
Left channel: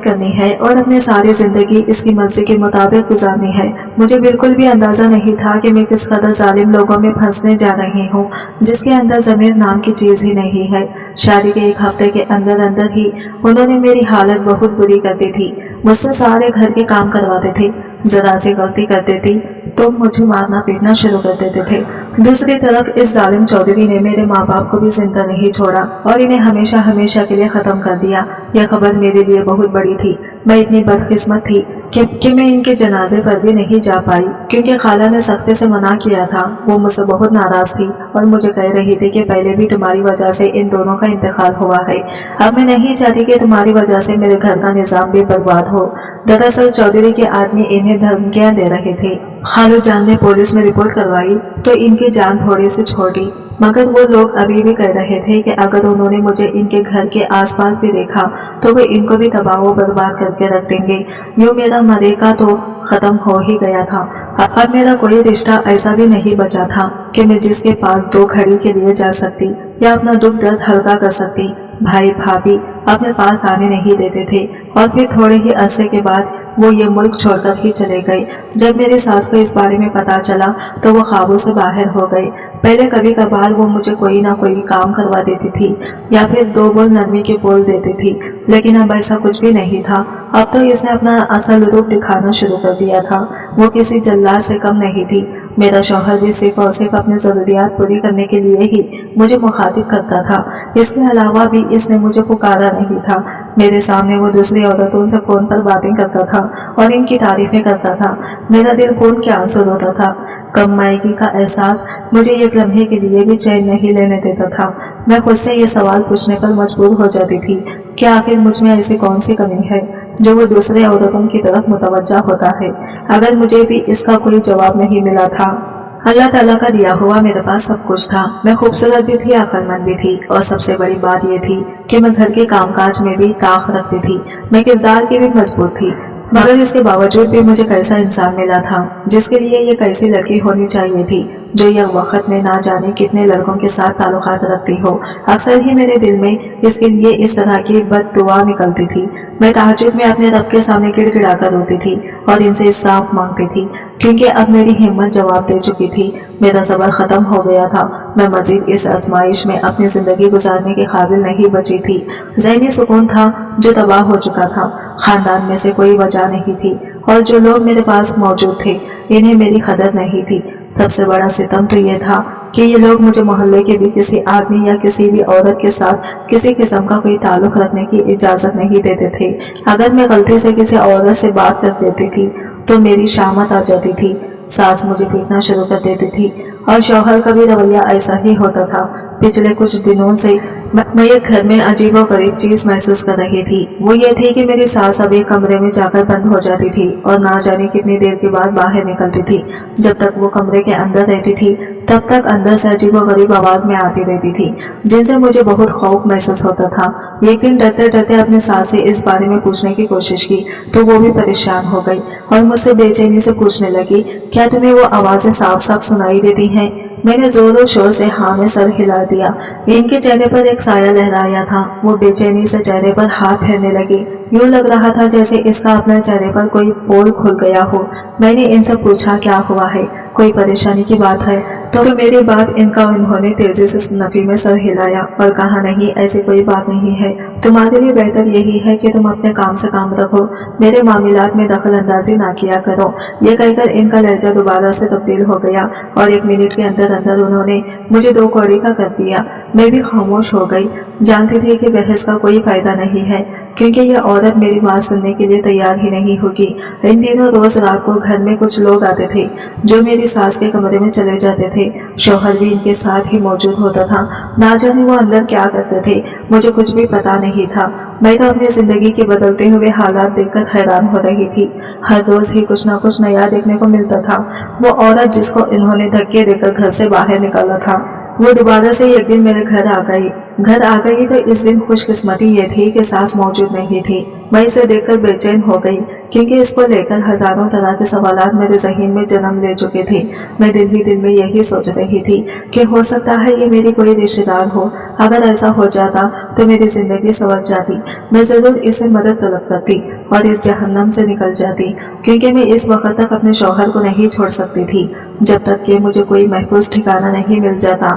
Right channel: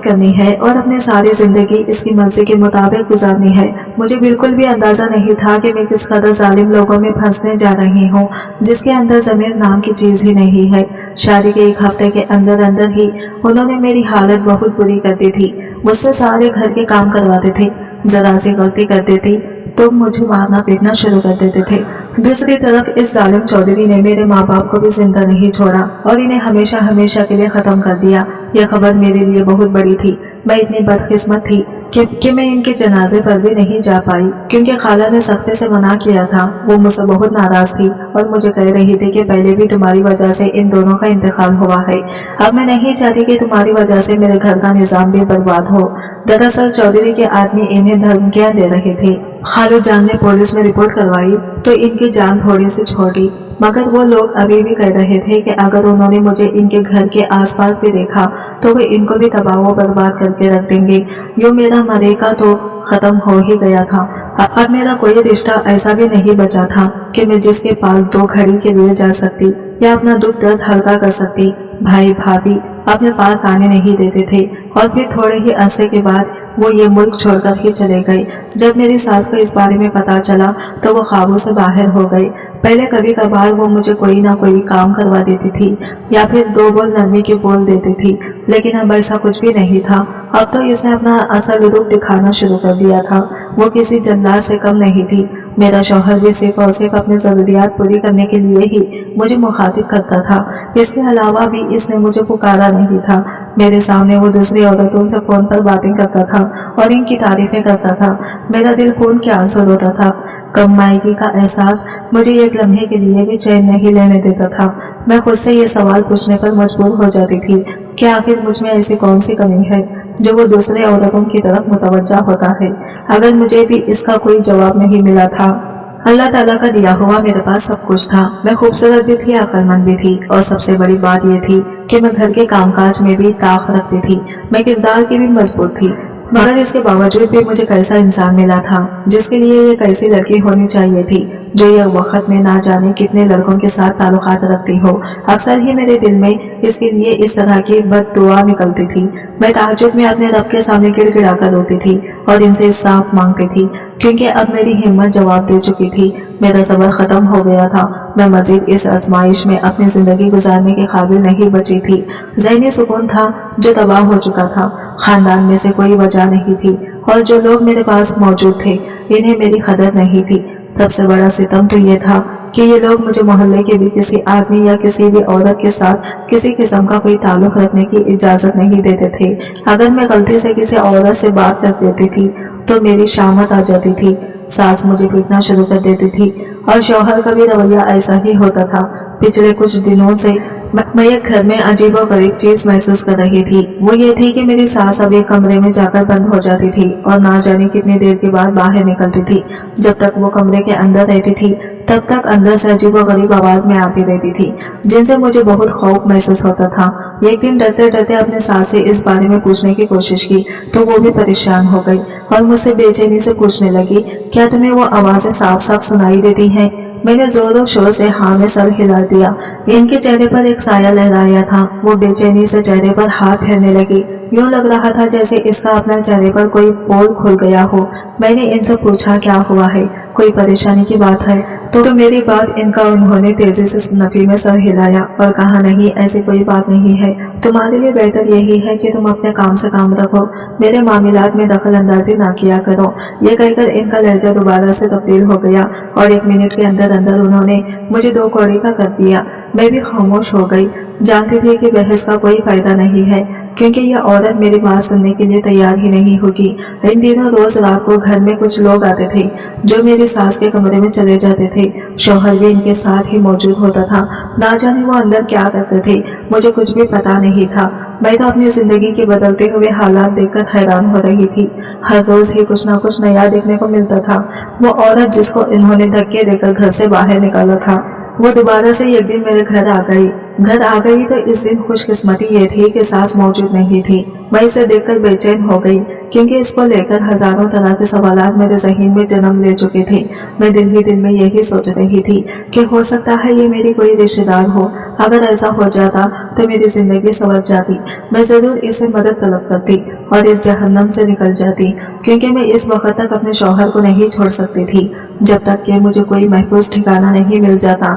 करनी है और अपने सारी जिंदगी इसकी मर्जी के मुताबिक गुजारनी है। मुझे बिल्कुल भी अंदाजा नहीं था कि मैं किस कदर जालिम लोगों में फंसने जा रही हूँ, जिसके अंदर ज़मीर नाम की चीज ही नहीं है। शादी के एक हफ्ते के अंदर अंदर ही उन्होंने मेरी हालत बहुत बुरी कर दी थी। मुझसे सारे घर के काम करवाते थे। जरा सी गलती कर देती तो मुझे मारना पीटना शुरू कर देते थे। दूसरी तरफ इस जालिम चौधरी ने मेरे माँ बाप को भी जिंदा नहीं छोड़ा और इन्हें हमेशा हमेशा के लिए खत्म कर दिया। यह खबर मेरे लिए बहुत बड़ी थी। मैं इतनी बदकिस्मत थी कि मैं इनके जनाजे पर भी नहीं जा पाई, क्योंकि खाला ने सख्ती से मना किया था। वो मुझसे बहुत नाराज थी और मुझे कह रही थी कि पहले भी तुम्हारी वजह से इन दोनों का इंतकाल हुआ है। अब मैं नहीं चाहती कि तुम्हारी वजह से मेरे घर का निजाम भी बर्बाद हो। दरअसल चौधरी के आदमी इन्हें धमकियां दे रहे थे। खालू जान ने पुलिस में रिपोर्ट करवाई तो इनकी जान थोड़ी सी छोड़ी, मगर वो लोग अभी भी कह रहे थे कि अगर उन्होंने मुझे इनके घर के आसपास भी देखा तो वे इनको भी तबाह व बर्बाद करके रख देंगे। यूं मेरा मरेका तो खत्म हो ही गया था। अब मेरा कोई रिश्ता ऐसा भी नहीं बचा था कि मैं जिसके पास दो घड़ी के लिए जा सकती या अपना दुख दर्द हल्का कर सकती। भाई भाभी अपने पास आने नहीं देते थे और फिर थोड़े ही अरसे के बाद वो ये मुल्क छोड़कर ही चले गए। जब मेरी सास को इस बारे में पता चला तो वो काबू से बाहर हो गए। पहले कभी कभार वो मुझे कोई ना कोई काम करवा देती थी या फिर दो बोल नरमी के बोल देती थी, लेकिन अब ऐसा कुछ भी नहीं था। अब तो इसने अपना असल रूप दिखाना शुरू कर दिया था। वो किसी जल्लाद से कम नहीं थी। मेरा शौहर भी सिर्फ और सिर्फ अपनी जरूरियात पूरी करने के लिए ही मुझे मुखातिब करता था। इसके अलावा भी इसने मुझे पुकारा नहीं था। मेरे सामने वो दूसरी औरतों से फोन पर बातें करता था और इनकी तारीफें करता था। मेरा दिल खून के आंसू रोता था। कमाईगी का एहसास मुझे एक लम्हे के लिए भी चैन नहीं लेने देता था। मैं खुद से ये सवाल पूछने पर मजबूर हो जाती थी कि आखिर मुझ में ऐसी कौन सी कमी है जो वो दूसरे औरतों की तरफ मुतवज्जा होता है। अगर मुझे भी इसका कोई जवाब नहीं मिला था। अल्लाह ताला का दिया हुआ मेरे पास सब कुछ था। मैं खूबसूरत भी थी, अक्लमंद भी थी और सबसे बड़ी बात यह थी कि मैं घर के कामकाज में भी ताक रखती थी। मैं किरदार की भी मजबूत थी, मगर इसके बावजूद भी मुझे कैसा इंसान मिला था जिसके लिए ये कैसी लड़की होनी चाहिए थी जो एक वक्त में ना जाने कितने लड़कों के साथ ताल्लुकात रखती हो। अक्सर ही मेरे दिल में इसके लिए इस तरह की बद्दुआ निकलती थी। मैं तहज्जुद में अपने रब के सामने गिड़गिड़ा कर रोती थी और इनसे इंसाफ मांगती थी, क्योंकि अब मेरी हिम्मत जवाब दे चुकी थी। मेरा सब्र खत्म हो गया था। मैं मजीद इस आजमाइश में अपनी जिंदगी गुजारने के काबिल नहीं बची थी। ज़हनी सुकून था जो तबाह हो चुका था। खानदान में से कोई वजह नहीं थी और जो लोग मेरे पास मौजूद थे इन्हें मेरी कदर नहीं थी। सबसे बड़ा सितम तो ये था कि ये लोग मुझे मोहल्ले के भी किसी आदमी या किसी भी औरत के साथ किसी किस्म का कोई ताल्लुक रखने की इजाजत नहीं देते थे। अगर मैं गलती से किसी औरत से बात कर देती थी तो मेरी शामत आ जाती थी। सास मुझे पीटना शुरू कर देती थी और शौहर का भी रवैया ऐसा ही होता था। पिछले कुछ दिनों से मैं एक घर में अजीब और गरीब चीज महसूस कर रही थी। वो ये थी कि मेरी सास अब एक कमरे में जाकर बंद हो जाती थी और ना जाने कितनी देर के बाद बाहर निकलती थी। जब तक वो कमरे के अंदर रहती थी तब तक अंदर से अजीब और गरीब आवाज में आती रहती थी, जिनसे मुझे बहुत खौफ महसूस होता था। एक दिन डरते डरते अपने सास से इस बारे में पूछने की कोशिश की तो वो भी परेशान हो गई और मुझसे बेचैनी से पूछने लगी, क्या तुम्हें वो आवाजें साफ साफ सुनाई देती हैं? मैंने जोरों शोर से हाँ में सर हिला दिया। इनके चेहरे पर एक साया लहराया था। वो बेचैनी से चेहरे पर हाथ फेरने लगी। यूं लग रहा था जैसे इसका अपने चेहरे पर कोई पोल खुल गया हो। मैंने इनसे पूछा क्या हुआ है। कोई परेशानी की बात है? तो मेरी बात इनका उन्होंने तेजी से नफी में सर हिलाया और कहा, नहीं ऐसी कोई बात नहीं है, तुम्हारे लिए बेहतर यही है कि तुम अपने काम से काम रखो, मेरे मामलात में दखल अंदाजी ना किया करो। यह कहकर इनका लहजा दोबारा से तब्दील हो गया और 1 मिनट के अंदर अंदर उन्होंने मुझे 2 कौड़ी का कर दिया। मैं भी खामोश हो गई, जानती थी कि बहस का कोई फायदा नहीं है, क्योंकि यह औरत मेरी बात सुनने के लिए तैयार ही नहीं होगी। इन दिनों रोज रात को घर में कुछ लोग आते थे जो मेरी सास के कमरे में चले जाते थे। शौहर भी इनके साथ ही मौजूद होता था। ना जाने वो अंदर क्या करते थे, मुझे कुछ भी पता नहीं था। मैं तो अपनी जिंदगी के बदलते हुए हालात देखकर हैरान हो रही थी। हर रोज ही कुछ ना कुछ नया देखने को मिलता था। वो औरत जिसको इन्होंने धक्के देकर घर से बाहर निकाला था, वो दोबारा से एक दिन मेरे घर आ गई तो इस दिन खुशकिस्मती ये थी कि सास मौजूद नहीं थी। मैं इसे देखकर बेचैन हो गई, क्योंकि इसको लेकर हजारों तरह के सवालात मेरे ज़हन में जन्म ले चुके थे। मैं दिल ही दिल में यही सोच रही थी कि हो सकता है ये मेरी कोई रिश्तेदार हो। अगर ऐसा हो जाता तो मेरी जिंदगी संवर जाती। मैं जरूर इसे मदद तलब करती और इस जहन्नम से निकल जाती, क्योंकि मैं इस वक्त तक अपने शौहर को नहीं छोड़ सकती थी जब तक कि मुझे कोई महफूज ठिकाना नहीं मिल जाता।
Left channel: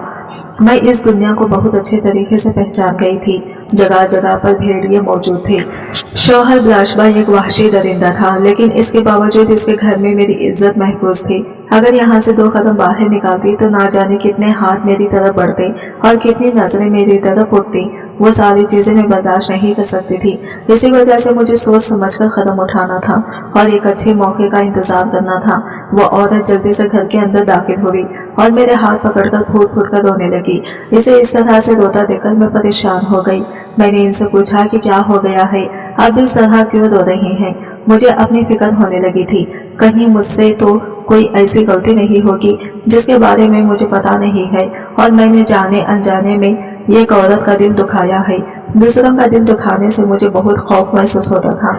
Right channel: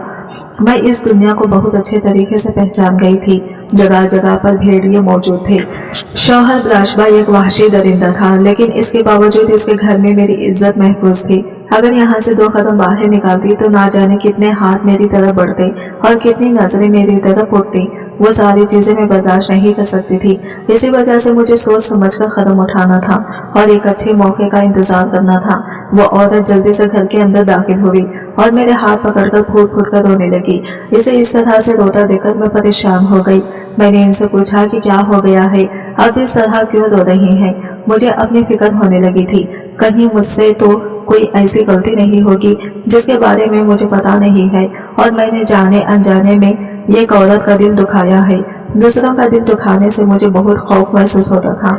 मैं इस दुनिया को बहुत अच्छे तरीके से पहचान गई थी। जगह जगह पर भेड़िए मौजूद थे। शौहर बिलाशबा एक वहशी दरिंदा था, लेकिन इसके बावजूद इसके घर में मेरी इज्जत महफूज थी। अगर यहाँ से 2 कदम बाहर निकालती तो ना जाने कितने हाथ मेरी तरफ बढ़ते और कितनी नजरें मेरी तरफ उठती। वो सारी चीजें मैं बर्दाश्त नहीं कर सकती थी। इसी वजह से मुझे सोच समझकर कदम उठाना था और एक अच्छे मौके का इंतजार करना था। वो औरत जल्दी से घर के अंदर दाखिल हुई और मेरे हाथ पकड़कर फूट फूट कर रोने लगी। इसे इस तरह से रोता देखकर मैं परेशान हो गई। मैंने इनसे पूछा कि क्या हो गया है, अब इस तरह क्यों रो रही हैं? मुझे अपनी फिक्र होने लगी थी, कहीं मुझसे तो कोई ऐसी गलती नहीं होगी जिसके बारे में मुझे पता नहीं है और मैंने जाने अनजाने में एक औरत का दिल दुखाया है। दूसरों का दिल दुखाने से मुझे बहुत खौफ महसूस होता था।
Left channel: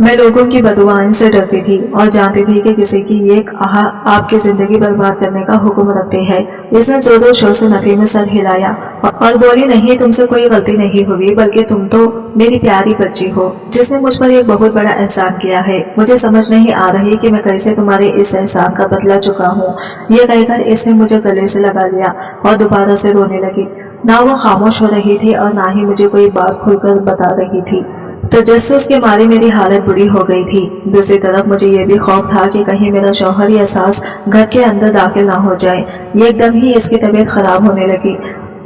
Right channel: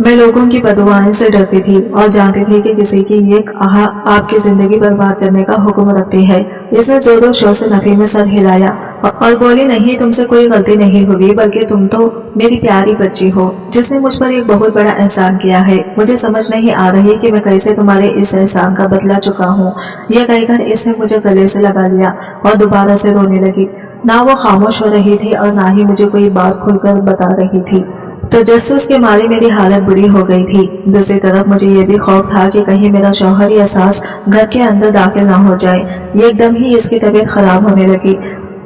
मैं लोगों की बददुआओं से डरती थी और जानती थी कि किसी की एक आह आपकी जिंदगी बर्बाद करने का हुक्म रखती है। इसने जोरों शोर से नफी में सर हिलाया और बोली, नहीं तुमसे कोई गलती नहीं हुई, बल्कि तुम तो मेरी प्यारी बच्ची हो जिसने मुझ पर एक बहुत बड़ा एहसान किया है। मुझे समझ नहीं आ रही कि मैं कैसे तुम्हारे इस एहसान का बदला चुका हूँ। यह कहकर इसने मुझे गले से लगा लिया और दोबारा से रोने लगी। ना वो खामोश हो रही थी और ना ही मुझे कोई बात खुलकर बता रही थी। तजस्सुस के मारे मेरी हालत बुरी हो गई थी। दूसरी तरफ मुझे ये भी खौफ था कि कहीं मेरा शौहर या सास घर के अंदर दाखिल ना हो जाए। एकदम ही इसकी तबीयत खराब होने लगी।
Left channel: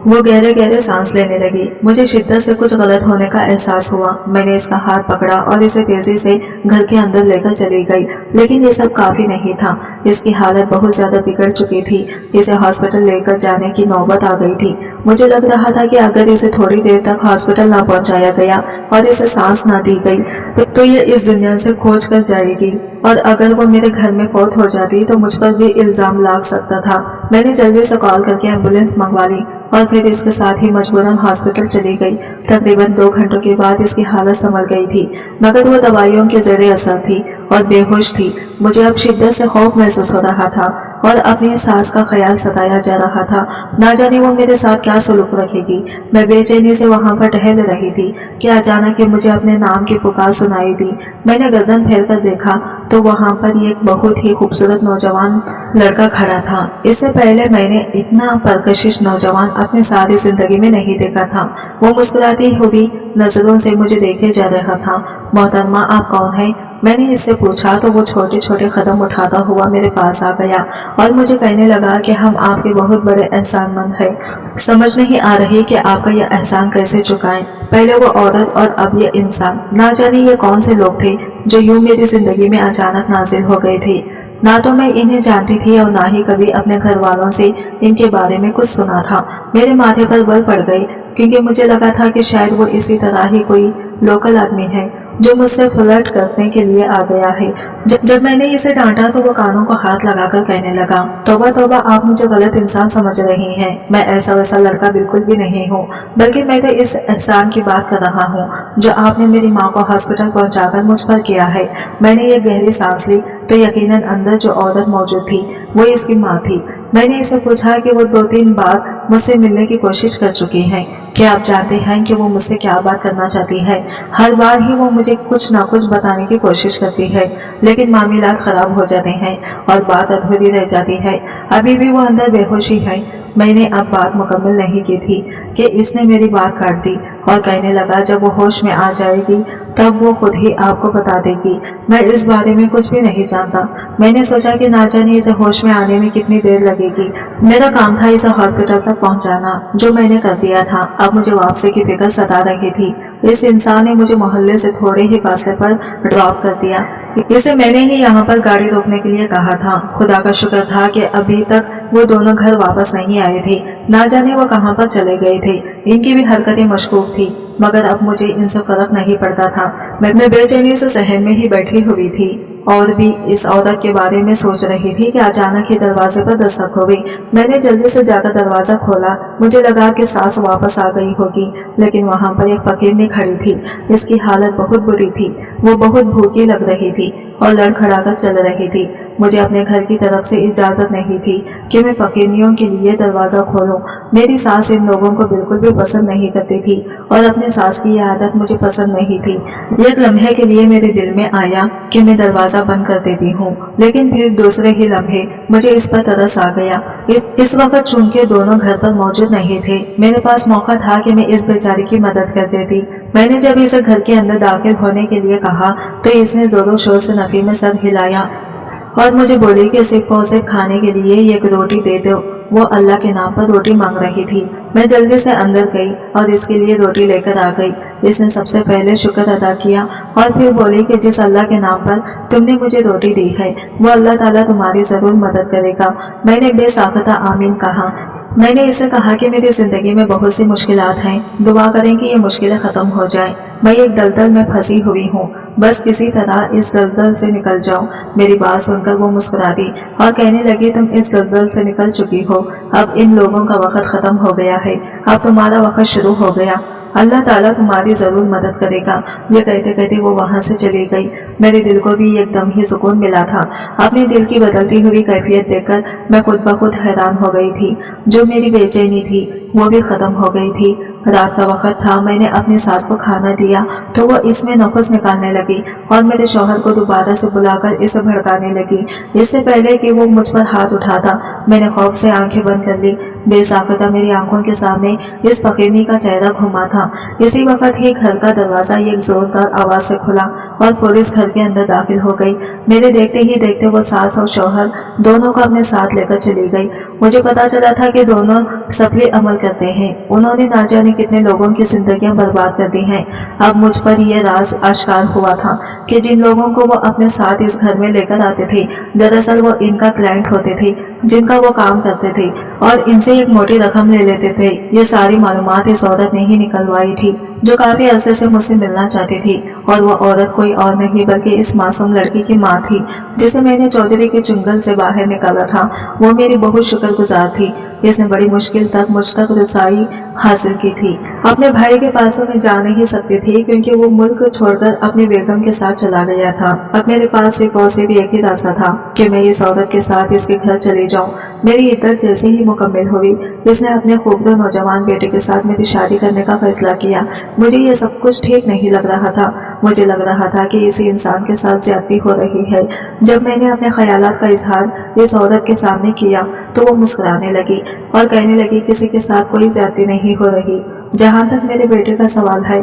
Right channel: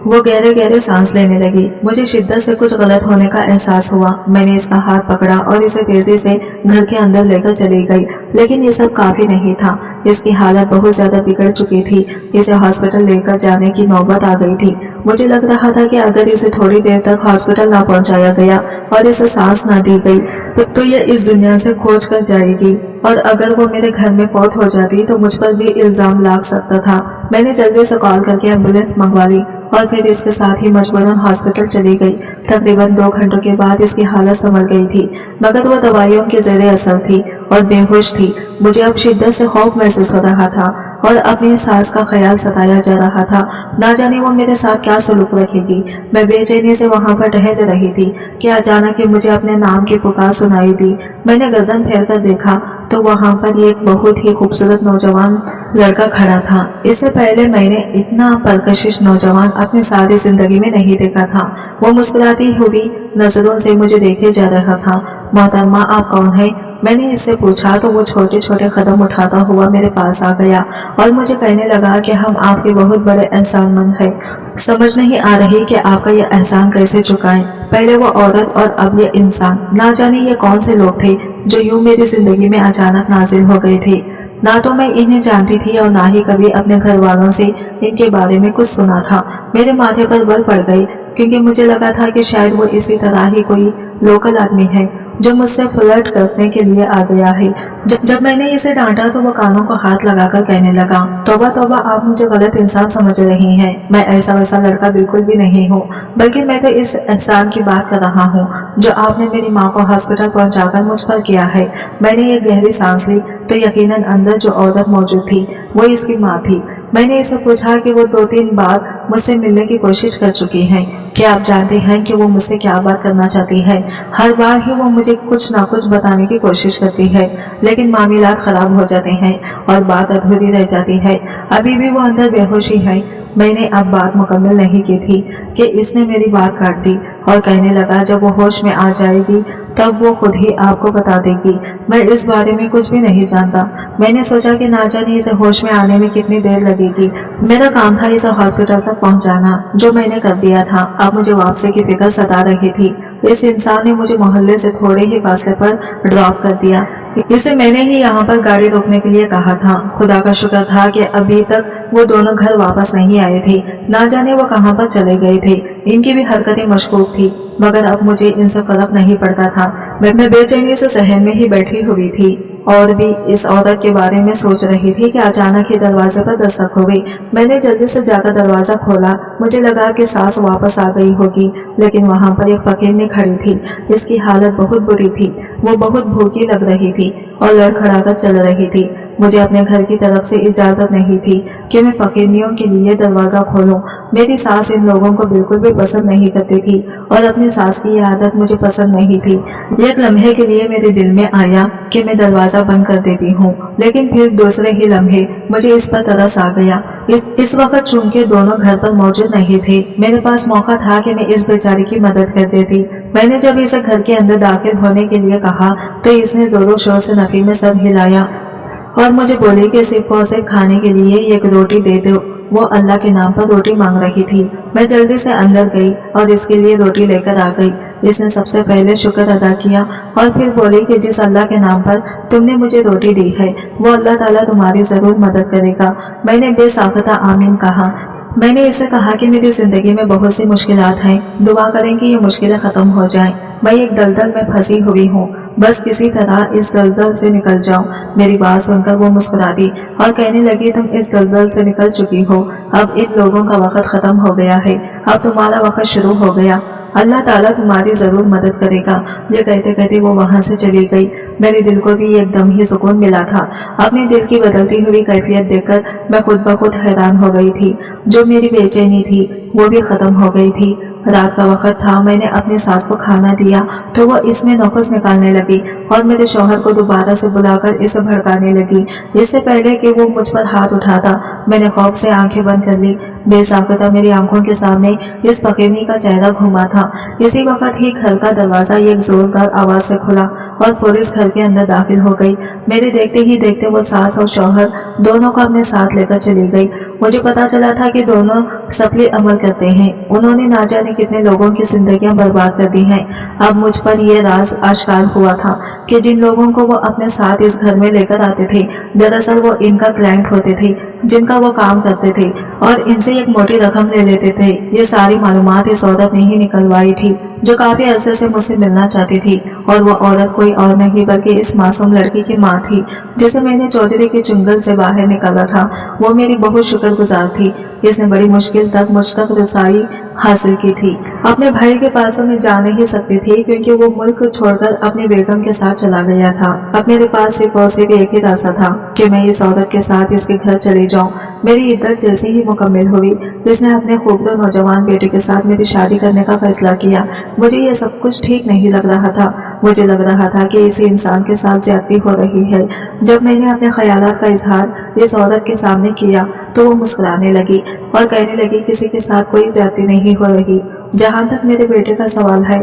वो गहरे गहरे सांस लेने लगी। मुझे शिद्दत से कुछ गलत होने का एहसास हुआ। मैंने इसका हाथ पकड़ा और इसे तेजी से घर के अंदर लेकर चली गई, लेकिन ये सब काफी नहीं था। इसकी हालत बहुत ज्यादा बिगड़ चुकी थी। इसे हॉस्पिटल लेकर जाने की नौबत आ गई थी। मुझे लग रहा था कि अगर इसे थोड़ी देर तक हॉस्पिटल ना पहुंचाया गया और इसे सांस ना दी गई तो ये इस दुनिया से खोज कर जाएगी, और अगर वो मेरे घर में फौत हो जाती तो मुझ पर भी इल्जाम लग सकता था। मैंने जल्दी से कॉल करके एम्बुलेंस मंगवा ली और फिर इसके साथ ही मजबूरन हॉस्पिटल चली गई। तकरीबन 2 घंटों के बाद इसकी हालत संभल गई थी, मगर वो दवाइयों के ज़ेरे असर थी और बेहोश थी। मुझे अब शिद्दत से खौफ महसूस हो रहा था और अपनी सास का ख्याल सताया जा रहा था। ना जाने वो मेरे साथ क्या सलूक रखेगी। मैं बेचैनी से वहां पर टहल रही थी कि अचानक ही मुझे अपने नाम की पुकार सुनाई दी। मैंने गर्दन फेर कर देखा तो वहां पर एक बहुत ही खूबसूरत नौजवान लड़का खड़ा था। इससे पहले मैंने इतना परकशिश नौजवान अपनी सारी जिंदगी में नहीं देखा था। वो मुस्कुराती हुई नजरों से मुझे देखे जा रहा था। मोहतरमा, आप कौन है? मैंने इससे पूछा तो वो छोटे छोटे कदम उठाता हुआ मेरे पास आ गया और मुझे कहने लगा कि हम आपके बहुत बड़े एहसानमंद हैं। समझ नहीं आ रही कि आपका यह एहसान कैसे चुकाएं। पहले वो औरत और अब ये इंसान, ना जाने ये कौन से लोग थे जो यूं मेरी जिंदगी में अचानक नाजिल हो गए थे। ना तो मैं इन्हें जानती थी और ना ही कभी अपने घर वालों से इनके बारे में कुछ सुना था। मेरे माथे पर बल पड़ गई, क्योंकि मुझे लगा था कि शायद वो इसी तरह ही कोई लोकल आदमी है जो मुझसे फ्लर्ट करने के लिए आ गया है। जब मैंने इसे डांटा तो वो कानों को हाथ लगाकर कहने लगा, तौबा तौबा, आप मुझे गलत इंसान समझ रही हैं। मैं ऐसा वैसा लड़का बिल्कुल भी नहीं हूँ, बल्कि मैं तो इस एहसान की बात कर रहा हूँ जो आपने मेरी माँ को हॉस्पिटल पहुँचाकर मुझ पर किया है। मैंने ये गहरी सांस ली तो यकीनन अंदर जो औरत मौजूद थी वो इसकी माँ थी। मैंने इसे पूछा कि वो 2-3 बार मुझसे मिलने की कोशिश कर चुकी हैं। कि आप जानते हैं कि वो मुझसे क्या बात करना चाहती है। हर बार ही वो मुझे कुछ ना कुछ बताने की कोशिश करती है, लेकिन मामलात खराब हो जाते हैं और बात अधूरी रह जाती है। अभी भी वो अंदर बेहोशी है। मैंने अब बात मुकम्मल नहीं की थी कि इसने मेरी बात काट दी और कहने लगा, जब वो होश में आ जाएगी तब वो खुद ही आपको बता देगी। मैं इस बारे में कुछ भी नहीं जानता। मैंने सोचा कि ना जाने इसे होश में आने में कितनी देर लगेगी। मेरा काम था इसे हॉस्पिटल तक पहुंचाना, जो मैंने कर दिया था। अब मुझे वापसी की फिक्र सता रही थी। इस इंसान ने मुझे मोहल्ले से थोड़े ही फासले पर ड्रॉप कर दिया। इसे मैंने ही यहाँ पर गाड़ी रोकने के लिए कहा था। खुदा का शुक्र था कि अभी तक वो दोनों घर वापस नहीं आए थे। ना जाने वो कहाँ पर चले गए थे। इनकी भी हरकतें मशकूक थी, मगर अब मुझे इनसे फर्क नहीं पड़ता था। मैं बेचैनी से सहन में ही बैठी हुई थी और भी इस औरत के बारे में सोच रही थी कि अचानक ही दरवाजे पर दस्तक हो गई। मैंने जल्दी से जाकर दरवाजा खोला। मुझे लगा कि सास वापस आ गई होगी, लेकिन वहाँ पर एक फकीरनी खड़ी थी। इसकी हालत बहुत बुरी थी। वो बहुत भूखी लग रही थी और लड़खड़ाकर चल रही थी। मुझे अपने घर की तरफ से इजाजत नहीं थी कि मैं फकीरनियों के लिए दरवाजा खोलूं। मेरी सास इन लोगों को बिल्कुल भी पसंद नहीं करती थी और अपनी सास की यह आदत मुझे पसंद नहीं थी। एक लम्हे के लिए मेरे दिल में आया कि मैं दरवाजा बंद कर देती हूँ, लेकिन फिर दूसरे ही लम्हे मुझे इस पर तरस आ गया। इस वक्त चूंकि दोनों घर पर मौजूद नहीं थे, मेरे पास मौका था कि मैं इस बेचारी की मदद कर देती। मैंने जब इसे घर के अंदर दाखिल होने के लिए कहा तो इसने जोरों शोर से नफी में सर हिलाया और मुझे बोली कि सिर्फ और सिर्फ खाने के लिए एक रोटी दे दो। वो अल्लाह के नाम पर रोटी मांग रही थी। मैं जल्दी से अंदर गई और इसके लिए रोटी लेकर आ गई। इसने सबसे पहले शुक्र अदा किया और फिर बोली कि जिस अल्लाह के नाम पर तुमने मुझे रोटी दी है, वो अल्लाह ताला तुम्हारी जरूर मदद करेगा। मैंने बेसाख्ता आमीन कहा। मैंने इसे कहा कि मेरी जिंदगी में बहुत सी मुश्किलात हैं, दुआ करें कि ये मुश्किलें खत्म हो जाएं। मैं एक दलदल में फंसी हुई हूँ, बस किसी तरह इस दलदल से निकल जाओ। मेरी बात सुनकर वो मुस्कुरा दी और कहने लगी, तुम इस दलदल से निकल चुकी हो। अब इन लोगों का वक्त खत्म हो गया है, अब तुम्हारा वक्त शुरू हो गया। अल्लाह ताला तुम्हारी जरूर मदद करेगा। ये कहते कहते वो वहां से चली गई। मेरे दिल को भी एकदम ही सुकून मिला था। अपने दिल की बदलती हुई कैफियत देखकर मैं खुद ब खुद हैरान हो गई थी। जो मेरी बेचैनी थी वो भी खत्म हो गई थी। रात का वक्त था। मैंने अपनी सास को खाना दिया तो वो इसमें नखुस निकालने लगी और मेरे शौहर को दोबारा से बुलाकर इसे भड़काने लगी। इससे पहले कि वो मुझ पर हाथ उठाता, मैंने खौफ से आंखें बंद कर ली। बेसाख्ता मेरी आंखों के सामने इस फकीरनी का चेहरा घुमा था। इसी वक्त ही घर का दरवाजा एक जोरदार आवाज से खुला और पुलिस घर के अंदर दाखिल हो गई। मेरे देखते ही देखते वो सास और शौहर दोनों को अपने साथ लेकर चली गई। मुझे पता चला था कि दोनों सफली अमल करते हैं। उन्होंने ना जाने कितने लोगों की जिंदगियां बर्बाद कर दी हैं। अब मुझ पर यह राज आश्कार हुआ था कि जिन लोगों को वो अपने साथ इस घर में लेकर आते थे, दरअसल वो इनका क्लाइंट होते थे, जिनका वो काम करते थे और इनसे एक मोटी रकम ले लेते थे। ये सारी मालूमात इस औरत ने ही निकलवाई थी, जो काफी अरसे से मुझसे मिलना चाहती थी। और वो औरत कोई और नहीं बल्कि इस मासूम लड़की की माँ थी, जिसे मैंने चौधरी के चुंगल से बाहर निकाला था। वो मेरी बहुत शुक्रगुजार थी। इसने बड़ी मुश्किल तक मुझ तक रसाई हासिल की थी। अपने भाई के पासों में जा नहीं सकती थी, क्योंकि वो मुल्क छोड़कर अपनी बेगम के साथ चला गया था। अब मेरे पास सिर्फ और सिर्फ एक ही रास्ता था कि मैं इस औरत के साथ इसके घर चली जाऊं। मेरी इद्दत जैसे ही मुकम्मल हुई, इसने अपने खूबसूरत नौजवान बेटे के साथ मेरी शादी करने का फैसला किया। मुझे ये सब कुछ ठीक नहीं लग रहा था। मुझे लग रहा था कि इसी इंसान के साथ ज्यादती हो रही है। जब मैंने अपने ख्यालात का इजहार इस औरत के सामने किया तो वो मुस्कुराने लगी और कहने लगी, किसी के साथ कोई ज्यादती नहीं हो रही। जहाँ तक मेरे बेटे का सवाल है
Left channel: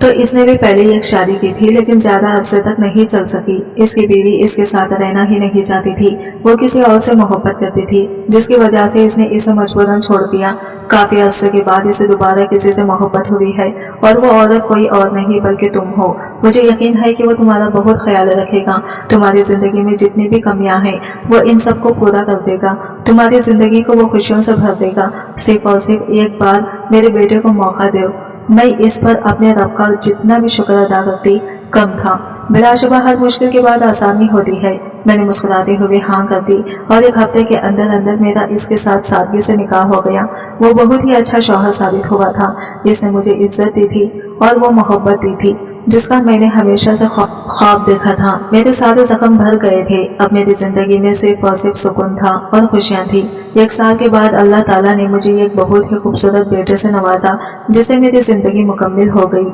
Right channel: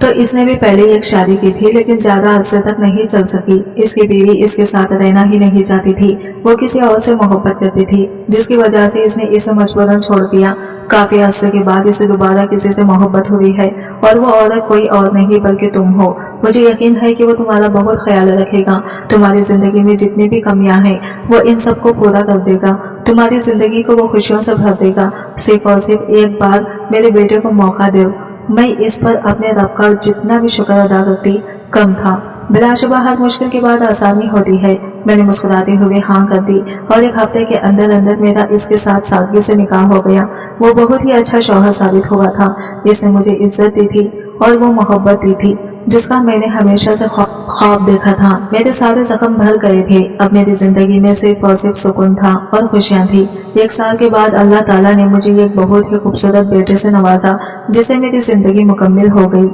तो इसने भी पहले एक शादी की थी, लेकिन ज्यादा अरसे तक नहीं चल सकी। इसकी बीवी इसके साथ रहना ही नहीं चाहती थी। वो किसी और से मोहब्बत करती थी, जिसकी वजह से इसने इसे मजबूरन छोड़ दिया। काफी अरसे के बाद इसे दोबारा किसी से मोहब्बत हुई है और वो औरत कोई और नहीं बल्कि तुम हो। मुझे यकीन है कि वो तुम्हारा बहुत ख्याल रखेगा। तुम्हारी जिंदगी में जितनी भी कमियां हैं वो इन सबको पूरा कर देगा। तुम्हारी जिंदगी को वो खुशियों से भर देगा। सिर्फ और सिर्फ एक बार मेरे बेटे को मौका दो। मैं इस पर अपने रब का जितना भी शुक्र अदा करती कम था। बिलाशुबा हर मुश्किल के बाद आसानी होती है। मैंने मुस्कुराते हुए हाँ कर दी और एक हफ्ते के अंदर अंदर मेरा इसके साथ सादगी से निकाह हो गया। वो बहुत ही अच्छा शौहर साबित हुआ था। इसने मुझे इज्जत दी थी और वो मोहब्बत दी थी। جس کا میں نے ہمیشہ سے خواب دیکھا تھا۔ میرے سارے زخم بھر گئے تھے، اب میری زندگی میں صرف اور صرف سکون تھا اور خوشیاں تھی۔ 1 سال کے بعد اللہ تعالیٰ نے مجھے ایک بہت ہی خوبصورت بیٹے سے نوازا، جس سے میری زندگی مکمل ہو گئی۔